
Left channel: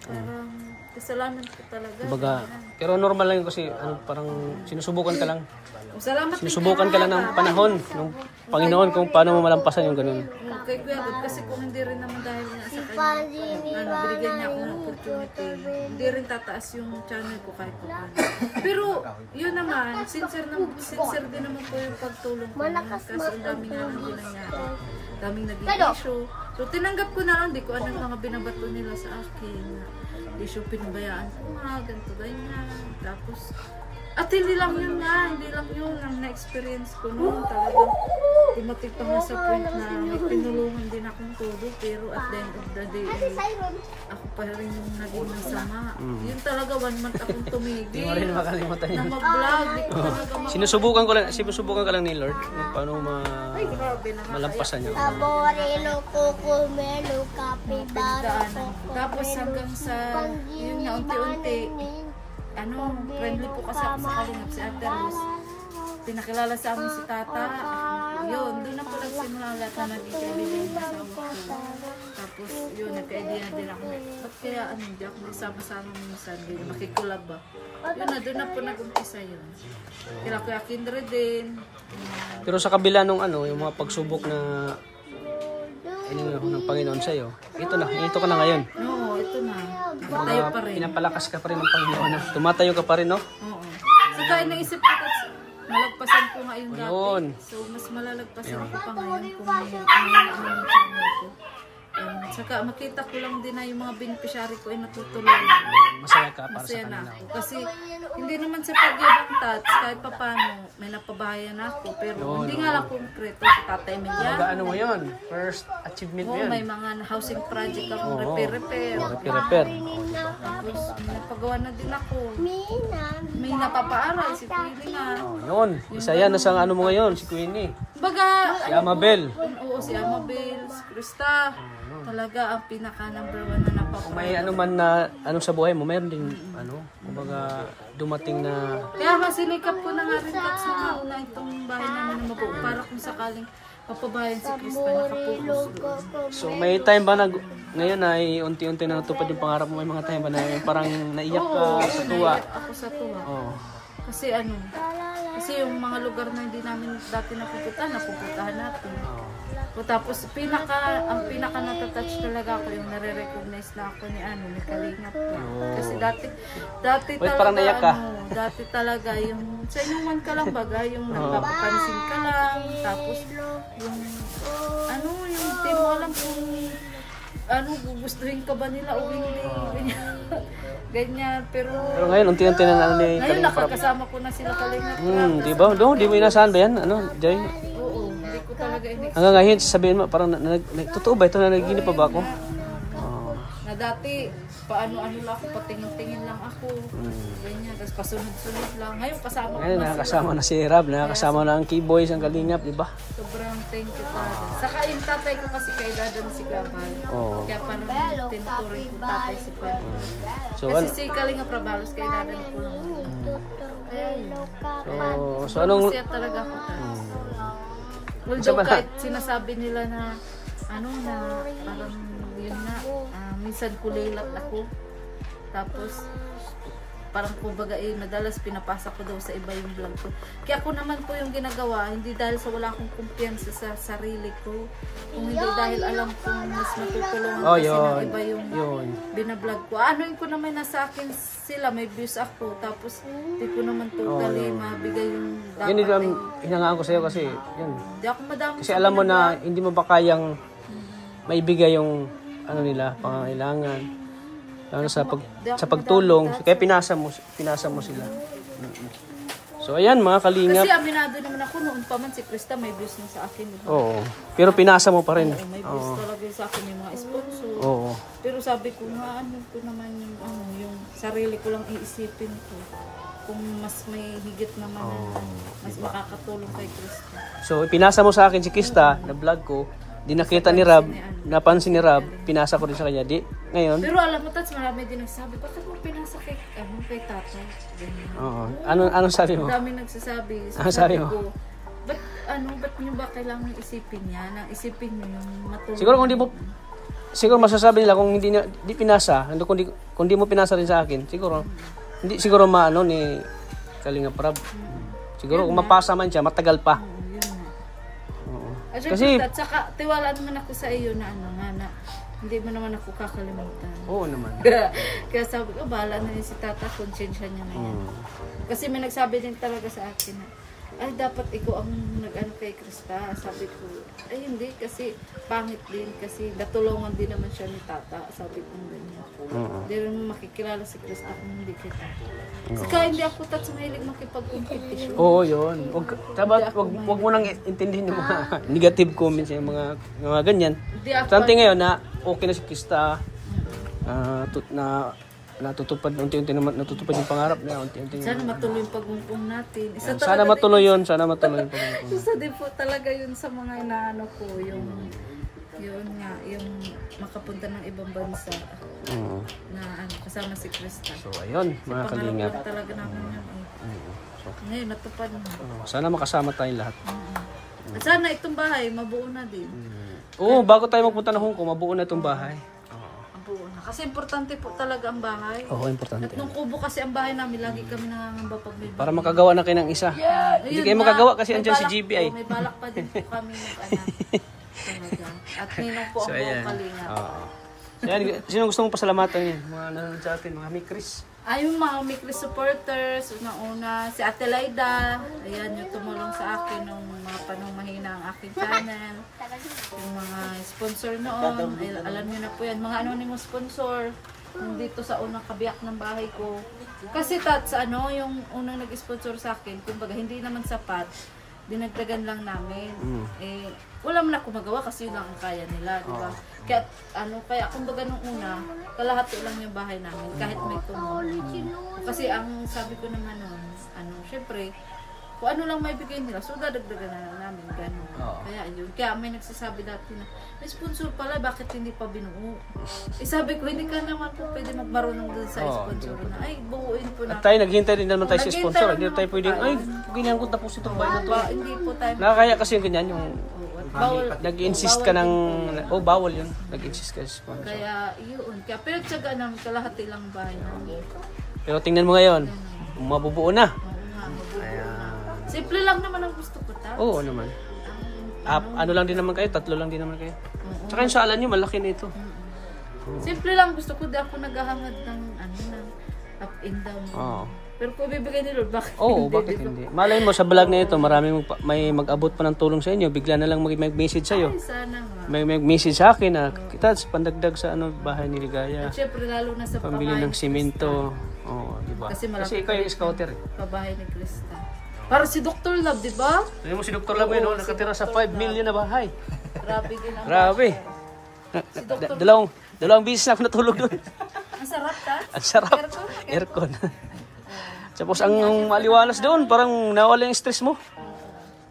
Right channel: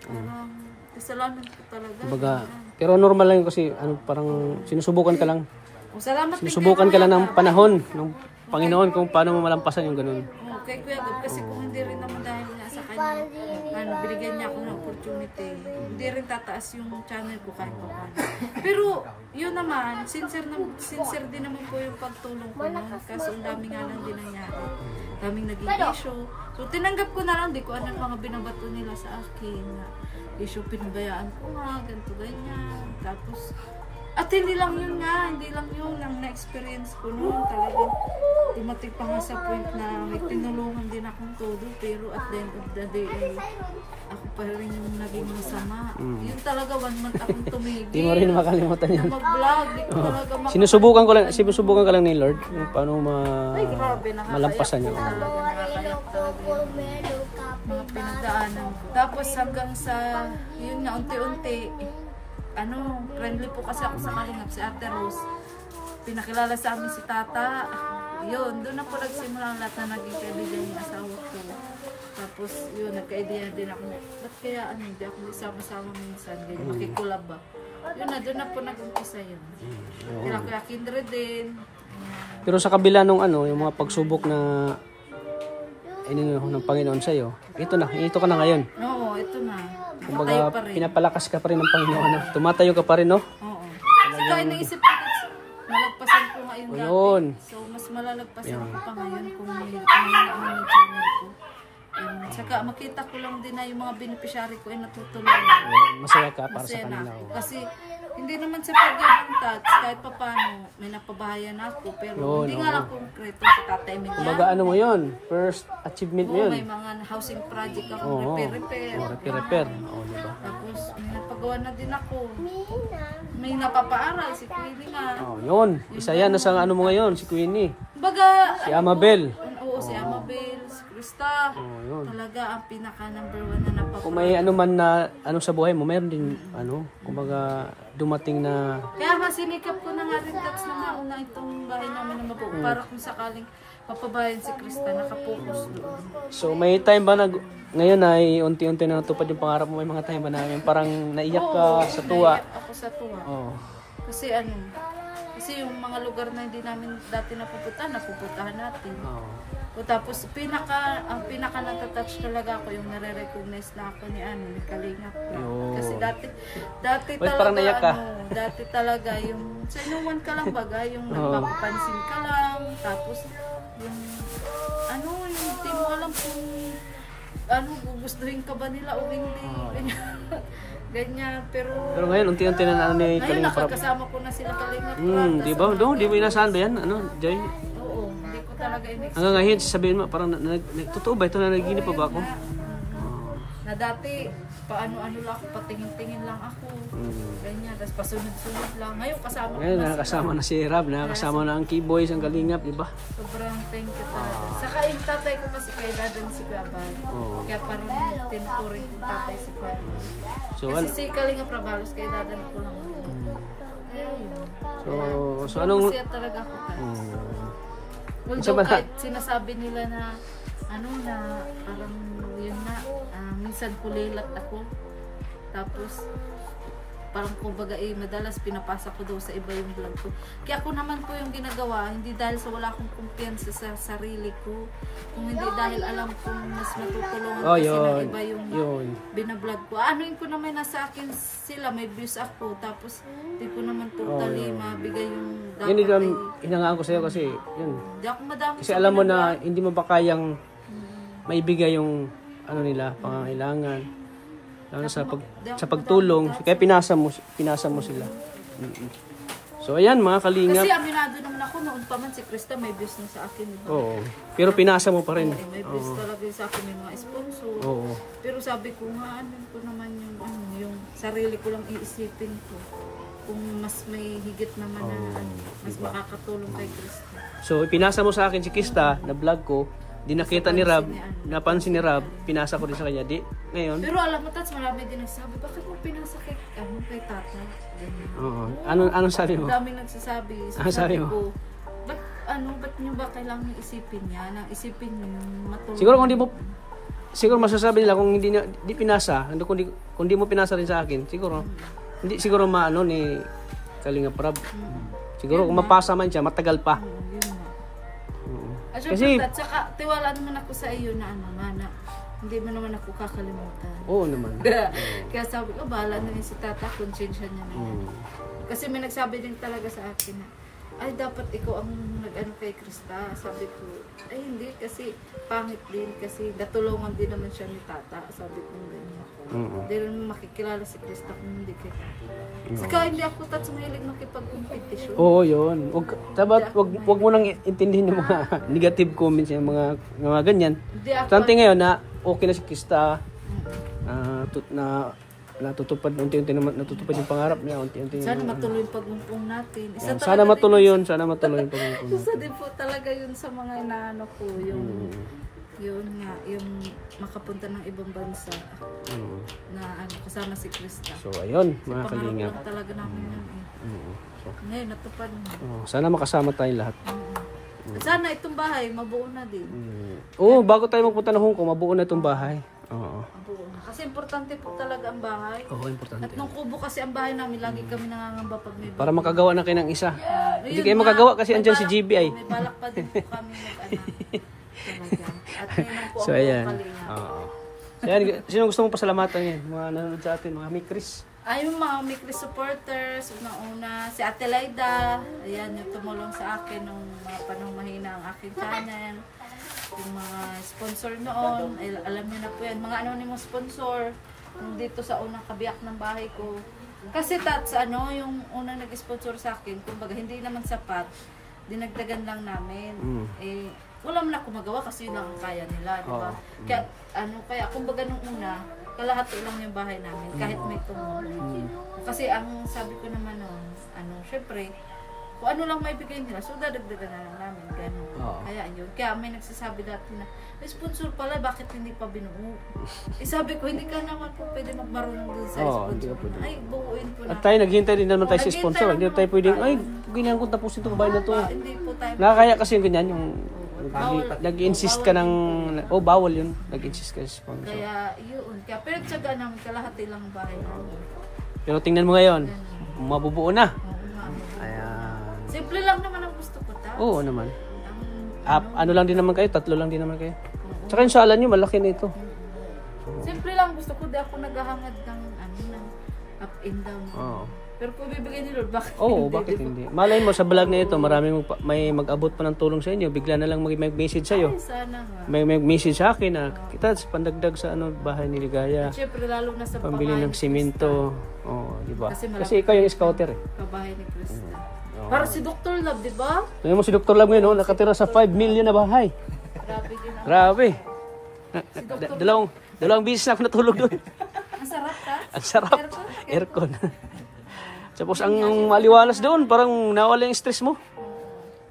parang kasalanan ko talaga. Baga, pero normal lang yun kasi parang sinusubukan ka lang. Salamat Sinusubukan ka lang ng panahon ng Panginoon kung paano mo malampasan yung ganun. Kay Kuya Gab, kasi kung hindi rin naman dahil nga sa kanya, binigyan niya ako ng opportunity, hindi rin tataas yung channel ko kahit pa paano. Pero, yun naman, sincere din naman po yung pagtulong ko noon, kasi ang dami nga lang din nangyari. Daming naging issue. So, tinanggap ko na lang, di ko ano yung mga binabato nila sa akin, na issue pinabayaan ko nga, ganito, ganyan. Tapos, at hindi lang yun nga, hindi lang yun ang na-experience ko noon. Talagang dumating pa nga sa point na may tinulungan din akong todo, pero at the end of the day, ako pa rin yung naging masama. Yun talaga, 1 month akong tumigil. Hindi mo rin makalimutan yun. Na mag-vlog, di ko talaga Sinusubukan ka lang ni Lord yung paano malampasan niyo. Mga pinagdaanan ko. Tapos hanggang sa, yun nga, unti-unti, friendly po kasi ako sa Kalingap, si Ate Rose. Pinakilala sa amin si Tata. Yun, doon na po nagsimula lahat na naging kaibigan niya asawa ko. Tapos, yun, nagka-idea din ako na, ba't kaya hindi ako nagsama-sama minsan, ganyan, makikulab ba? Yun na, doon na po nag-umpisa yun. Kaya Kuya Kindred din. Pero sa kabila nung yung mga pagsubok na ng Panginoon sa'yo, ito ka na ngayon. Oo, ito na. Nakatayo pa rin. Pinapalakas ka pa rin ng Panginoon. Tumatayo ka pa rin, no? Oo. Saka naisip ko, nalagpasan ko nga yung dati. So, mas malalagpasan ko pa ngayon kung may yung channel ko. Saka makita ko lang din na yung mga beneficiary ko ay natutulungan. Masaya ka para Masaya sa na kanila. ako. Kasi hindi naman sa pagyabang Tats, kahit pa paano, may napabahayan ako. Pero hindi nga lang konkreto sa Tatay Emiliano. Kumbaga ano mo yun? First achievement mo Oo, yun. may mga housing project ako, Oo. repair-repair. Repair. Oo, di ba? Tapos may napagawa na din ako. May napapaaral si Queenie nga. Oh, yun. Isa yan nasa ano mo ngayon, si Queenie. Baga, Si Amabel. oo, si Amabel, si Krista. Oh, yun. Talaga ang pinaka number 1 na napapaaral. Kung may ano man na ano sa buhay mo, mayroon din ano, kumbaga dumating na Kaya masinikap ko na nga rin Tats na mauna itong bahay namin na mabuo para kung sakaling mapabayan si Krista, nakapokus doon. so may time ba na ngayon ay unti-unti na natupad yung pangarap mo, may mga time ba na yung parang naiyak ka sa tuwa? Naiyak ako sa tuwa. Oh. Kasi yung mga lugar na hindi namin dati napupuntahan natin. Oh. O tapos ang pinaka natatouch talaga ako yung nare-recognize na ako ni Kalingap. Yo. Kasi dati Wait, talaga parang naiyak ka. dati talaga yung sa inuman ka lang baga, yung nagpapapansin ka lang, tapos yung yung di mo alam kung gugustuhin ka ba nila o hindi. Ganyan. Pero Ngayon unti-unti na ano ni ngayon Kalinga Prab. nakakasama ko na sila Kalingap. Di ba? Di mo inasahan ba yan? Ano, Jay? Oo, hindi ko talaga Hanggang ngayon, sabihin mo, parang totoo ba ito? Nanaginip pa ba ako? Oh. na dati paano-ano lang ako, patingin-tingin lang ako. Ganyan, tapos pasunod-sunod lang. Ngayon kasama ko Ngayon, na nakakasama na si Rab, nakakasama na ang Keyboys, ang Kalingap, di ba? sobrang thank you talaga. Saka yung tatay ko kasi kay Dadan si Kuabal. Oo. Kaya parang tinuturing ko tatay si Kuabal. So, Kasi si Kalingap Rabalos kay Dadan ko lang. Kaya yun. so anong... Masaya talaga ako. Mm. Although Sa- kahit sinasabi nila na na parang yun na minsan kulilat ako, tapos parang kumbaga madalas pinapasa ko daw sa iba yung vlog ko. Kaya ako naman po yung ginagawa, hindi dahil sa wala akong kumpiyansa sa sarili ko, kung hindi dahil alam kong mas matutulungan kasi ng iba yung binablog ko. Anoin ko naman nasa akin sila, may views ako, tapos di ko naman totally mabigay yung dapat. Yun yung hinangaan ko sa'yo kasi, yun. Hindi ako madami. Kasi alam mo na hindi mo ba kayang maibigay yung ano nila, pangangailangan. Lalo sa pagtulong, kaya pinasa mo sila. So ayan mga Kalingap. Kasi aminado naman ako noon pa man si Krista may views na sa akin. Oo. Pero pinasa mo pa rin. May views talaga sa akin yung mga sponsor. Oo. Pero sabi ko nga ko naman yung sarili ko lang iisipin ko. Kung mas may higit naman na mas makakatulong kay Krista. So pinasa mo sa akin si Krista na vlog ko. Di nakita ni Rab, napansin ni Rab, pinasa ko rin sa kanya. Di, ngayon. Pero alam mo, Tats, marami din nagsasabi, bakit mo pinasa kay tata? Ganyan. Oo. Anong sabi mo? Dami nagsasabi. So, sabi mo? ko, ba't nyo ba kailangan isipin niya? Nang isipin nyo yung matulong. Siguro masasabi nila kung hindi pinasa, kung di mo pinasa rin sa akin, hindi siguro maano ni Kalinga Prab. Siguro kung mapasa man siya, matagal pa. Kasi at saka tiwala naman ako sa iyo na na hindi mo naman ako kakalimutan. Oo naman. Kaya sabi ko, bahala na yun si tata, konsensya niya na yun. Kasi may nagsabi din talaga sa akin na, ay dapat ikaw ang nag-ano kay Krista. Sabi ko, ay hindi kasi pangit din kasi natulungan din naman siya ni tata. Sabi ko ganyan. Hindi rin makikilala si Krista kung hindi kay tata. Saka hindi ako Tats mahilig makipag-competition. Oo, yun. Wag mo nang intindihin ng mga negative comments yung mga ganyan. Something ngayon na okay na si Krista. Natutupad unti-unti naman natutupad yung pangarap niya, unti-unti. Sana matuloy yung pagungkong natin. Sana matuloy yung pagungkong. Isa din po talaga yun sa mga inaano ko, yung makapunta ng ibang bansa na kasama si Krista. So ayun, mga Kalingap. Talaga namin yun So, ngayon natupad na. Sana makasama tayong lahat. Sana itong bahay mabuo na din. Oo, bago tayo magpunta ng Hong Kong, mabuo na itong bahay. Oo. Mabuo na. Kasi importante po talaga ang bahay. Oo, importante. At nung kubo kasi ang bahay namin, lagi kami nangangamba pag may Para makagawa na kayo ng isa. Hindi kayo magagawa kasi andyan si GBI. May balak pa din po kami talaga. At ninong po So ayan. Oo. Ayan, sino gusto mong pasalamatan yan? Mga nanonood sa atin, mga Mikris. Yung mga weekly supporters, una si Ate Laida, ayan, yung tumulong sa akin ng mga panong mahina ang aking channel. Yung mga sponsor noon, ay, alam niyo na po yan, mga anonymous sponsor, yung dito sa unang kabiyak ng bahay ko. Kasi yung unang nag-sponsor sa akin, kumbaga hindi naman sapat, dinagdagan lang namin. Wala man ako magawa kasi yun lang ang kaya nila, di ba? Kaya kumbaga nung una, kalahati lang yung bahay namin, kahit may tumulong. Kasi ang sabi ko naman noon, syempre, kung ano lang may bigay nila, so dadagdagan na namin, gano'n. Kaya yun. Kaya may nagsasabi dati na, may sponsor pala, bakit hindi pa binuo? Sabi ko, hindi ka naman po pwede magmarunong doon sa sponsor na. Ay, buuin po na. At tayo, naghihintay din naman tayo sa sponsor. Hindi tayo pwedeng, ay, ganyan ko tapusin itong bahay na to. Hindi po tayo. Nakakaya kasi yung ganyan, yung nag-insist ka ng, bawal yun. Nag-insist ka sa sponsor. Kaya yun. Kaya pero tsaga namin, kalahati lang bahay namin. Pero tingnan mo ngayon, mabubuo na. Ayan. Simple lang naman ang gusto ko, ta. Oo naman. Ano lang din naman kayo, 3 lang din naman kayo. Tsaka yung sala nyo, malaki na ito. Simple lang gusto ko, di ako naghahangad ng up and down. Pero kung bibigay ni Lord, bakit Oo, bakit hindi? Malay mo sa vlog na ito, may mag-abot pa ng tulong sa inyo, bigla na lang mag-message sa'yo. Ay, sana nga. May message sa akin na kita pandagdag sa bahay ni Ligaya. At syempre, lalo na sa Pambili ng simento. Oo, di ba? Kasi ikaw yung scouter. Pabahay ni Krista. Parang si Dr. Love, di ba? Tingnan mo si Dr. Love ngayon, nakatira sa 5 million na bahay. Grabe din. Grabe. Dalawang bisis na ako natulog doon. Ang sarap, ta? Ang sarap. Aircon. Tapos ang maliwalas doon, parang nawala yung stress mo.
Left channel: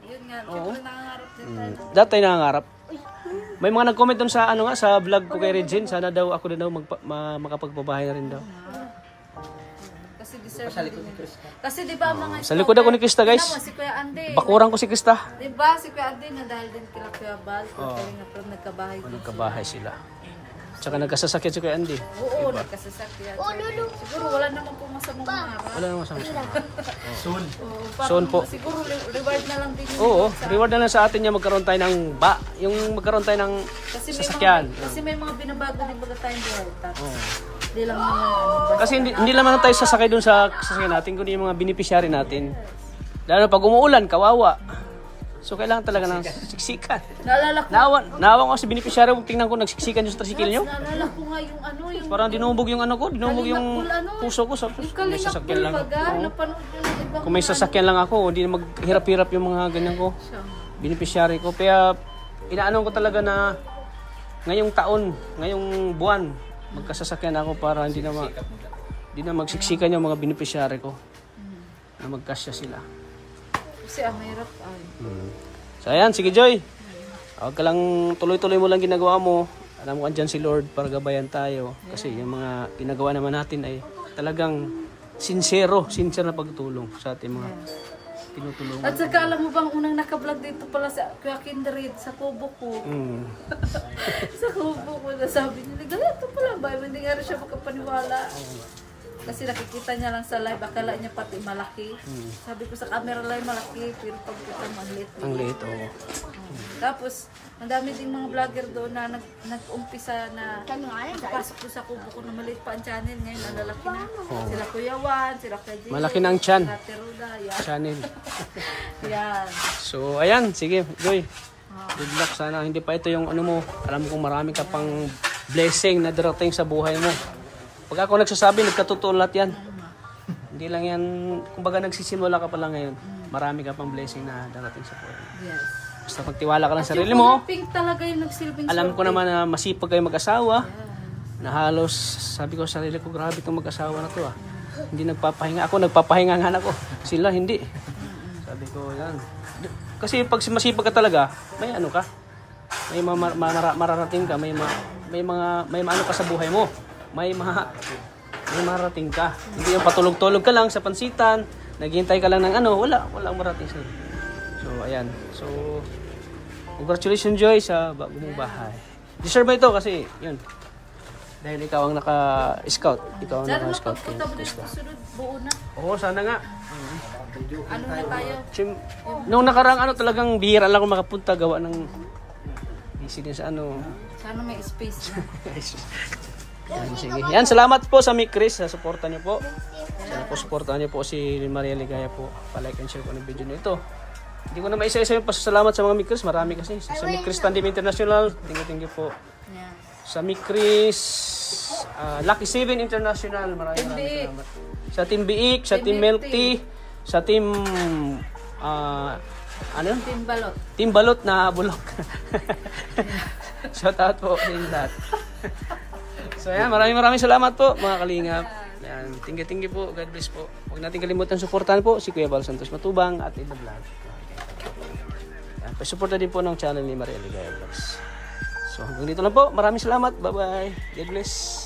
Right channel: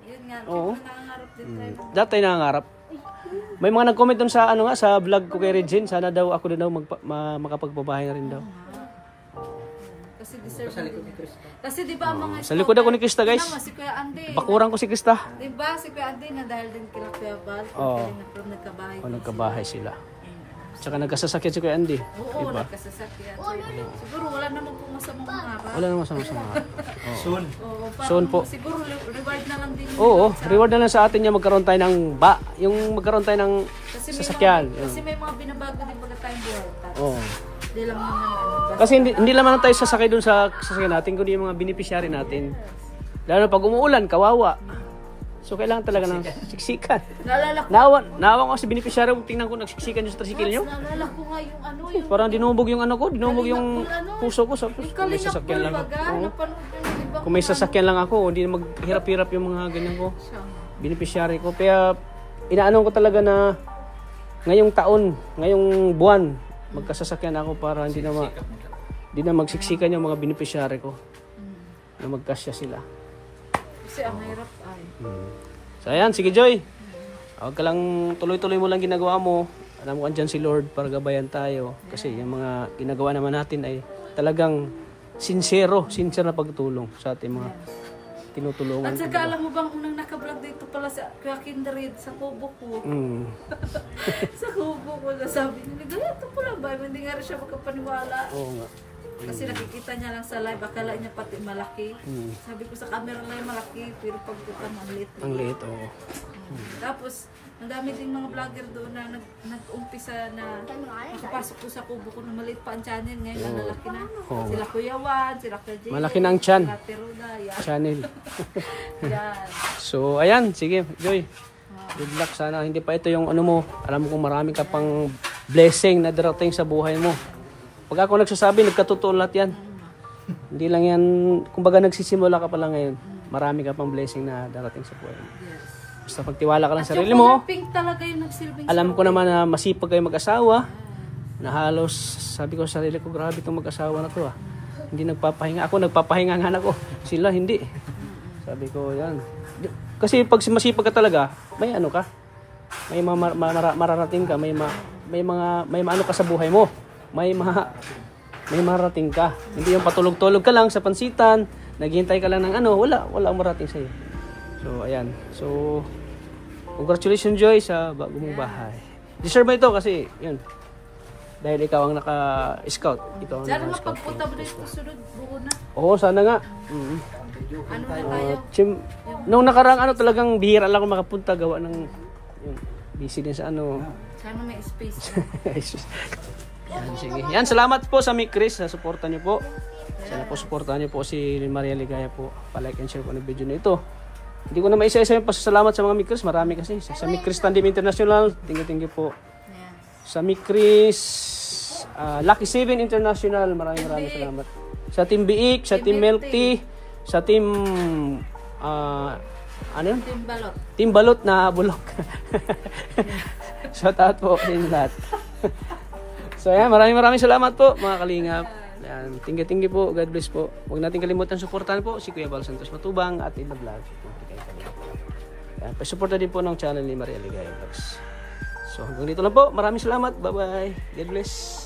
Yun nga, nangangarap din tayo. Dati tayo nangangarap. May mga nag-comment doon sa sa vlog ko kay Regine, sana daw ako din daw makapagpabahay na rin daw. Kasi deserve ni Krista. Kasi di ba ang mga Sa likod ako ni Krista, guys. si Kuya Andy. Bakuran ko si Krista. Di ba si Kuya Andy na dahil din kila Kuya Bal, nagkabahay. Nagkabahay sila. Tsaka nagkasasakyan si Kuya Andy. Oo, nagkasasakyan. Siguro wala naman po masamang araw. Wala naman sama. Soon. Soon po. Siguro reward na lang din. Oo, reward na lang sa atin yung magkaroon tayo ng yung magkaroon tayo ng sasakyan. Kasi may mga binabago din baga tayong buhay. Oo. Hindi lang naman Kasi hindi naman tayo sasakay dun sa sasakyan natin, kundi yung mga beneficiary natin. Lalo pag umuulan, kawawa. So kailangan talaga ng siksikan. Naalala ko. Nawan ko si beneficiary, tingnan ko nagsiksikan yung tricycle nyo. Naalala ko nga yung Parang dinumog yung dinumog yung puso ko. Kung may sasakyan lang. Kung may sasakyan lang ako, hindi na maghirap-hirap yung mga ganyan ko. Beneficiary ko. Kaya inaano ko talaga na ngayong taon, ngayong buwan, magkasasakyan ako para hindi na magsiksikan yung mga beneficiary ko. Na magkasya sila. Kasi ang hirap ay. So ayan, sige Joy. Huwag ka lang, tuloy-tuloy mo lang ginagawa mo. Alam mo andyan si Lord para gabayan tayo. Kasi yung mga ginagawa naman natin ay talagang sincere na pagtulong sa ating mga tinutulungan. At saka alam mo bang unang naka-vlog dito pala sa Kuya Kindred, sa kubo ko. Sa kubo ko, nasabi niya, ito pala ba? Hindi nga rin siya makapaniwala. Oo nga. Kasi nakikita niya lang sa live, akala niya pati malaki. Sabi ko sa camera live malaki, pero pagkita mo ang liit. Ang liit, oo. Tapos, ang dami ding mga vlogger doon na nag-umpisa na nakapasok ko sa kubo ko na maliit pa ang channel. Ngayon, ang lalaki na. Sila Kuya Juan, sila Kuya Jay. Malaki na ang chan. Ate Roda, yan. Channel. Yan. So, ayan, sige, Joy. Good luck. Sana hindi pa ito yung mo. Alam mo kung marami ka pang blessing na darating sa buhay mo. Pag ako nagsasabi, nagkatotoo lahat yan. Hindi lang yan, kumbaga nagsisimula ka pa lang ngayon. Marami ka pang blessing na darating sa buhay mo. Yes. Basta pagtiwala ka lang sa sarili mo. Pink talaga yung nagsilbing. Alam ko naman na masipag kayo mag-asawa. Na halos, sabi ko sa sarili ko, grabe itong mag-asawa na to ah. Hindi nagpapahinga. Ako, nagpapahinga nga ako. Sila, hindi. Sabi ko, yan. Kasi pag masipag ka talaga, may ano ka. May mararating ka. May ano ka sa buhay mo. May marating ka. Hindi yung patulog-tulog ka lang sa pansitan, naghihintay ka lang ng wala ang marating sa'yo. So, ayan. So, congratulations Joy sa bago mong bahay. Deserve mo ito kasi, yun. Dahil ikaw ang naka-scout. Ikaw ang naka-scout. Sana mapagpunta mo dito sunod, buo na. Oo, sana nga. Ano na tayo? Nung nakarang talagang bihira lang ako makapunta gawa ng busy din sa Sana may space. Yan, sige. Yan, salamat po sa Mikris sa suporta niyo po. Sana po suportahan niyo po si Maria Ligaya po. Pa-like and share po ng video nito. Hindi ko na maisa-isa yung pasasalamat sa mga Mikris. Marami kasi. Sa Mikris Tandim International, tingin po. Yan. Sa Mikris Lucky 7 International, maraming salamat. Sa Team Biik, sa Team Milk Tea, sa Team ano yun? Team Balot na bulok. Shout out po sa inyo lahat. So yan, maraming salamat po mga kalingap. Yan, tinggi po, God bless po. Huwag natin kalimutan suportahan po si Kuya Val Santos Matubang at Ida Vlog. Pa-suporta din po ng channel ni Maria Ligaya Vlogs. So hanggang dito lang po. Maraming salamat. Bye-bye. God bless.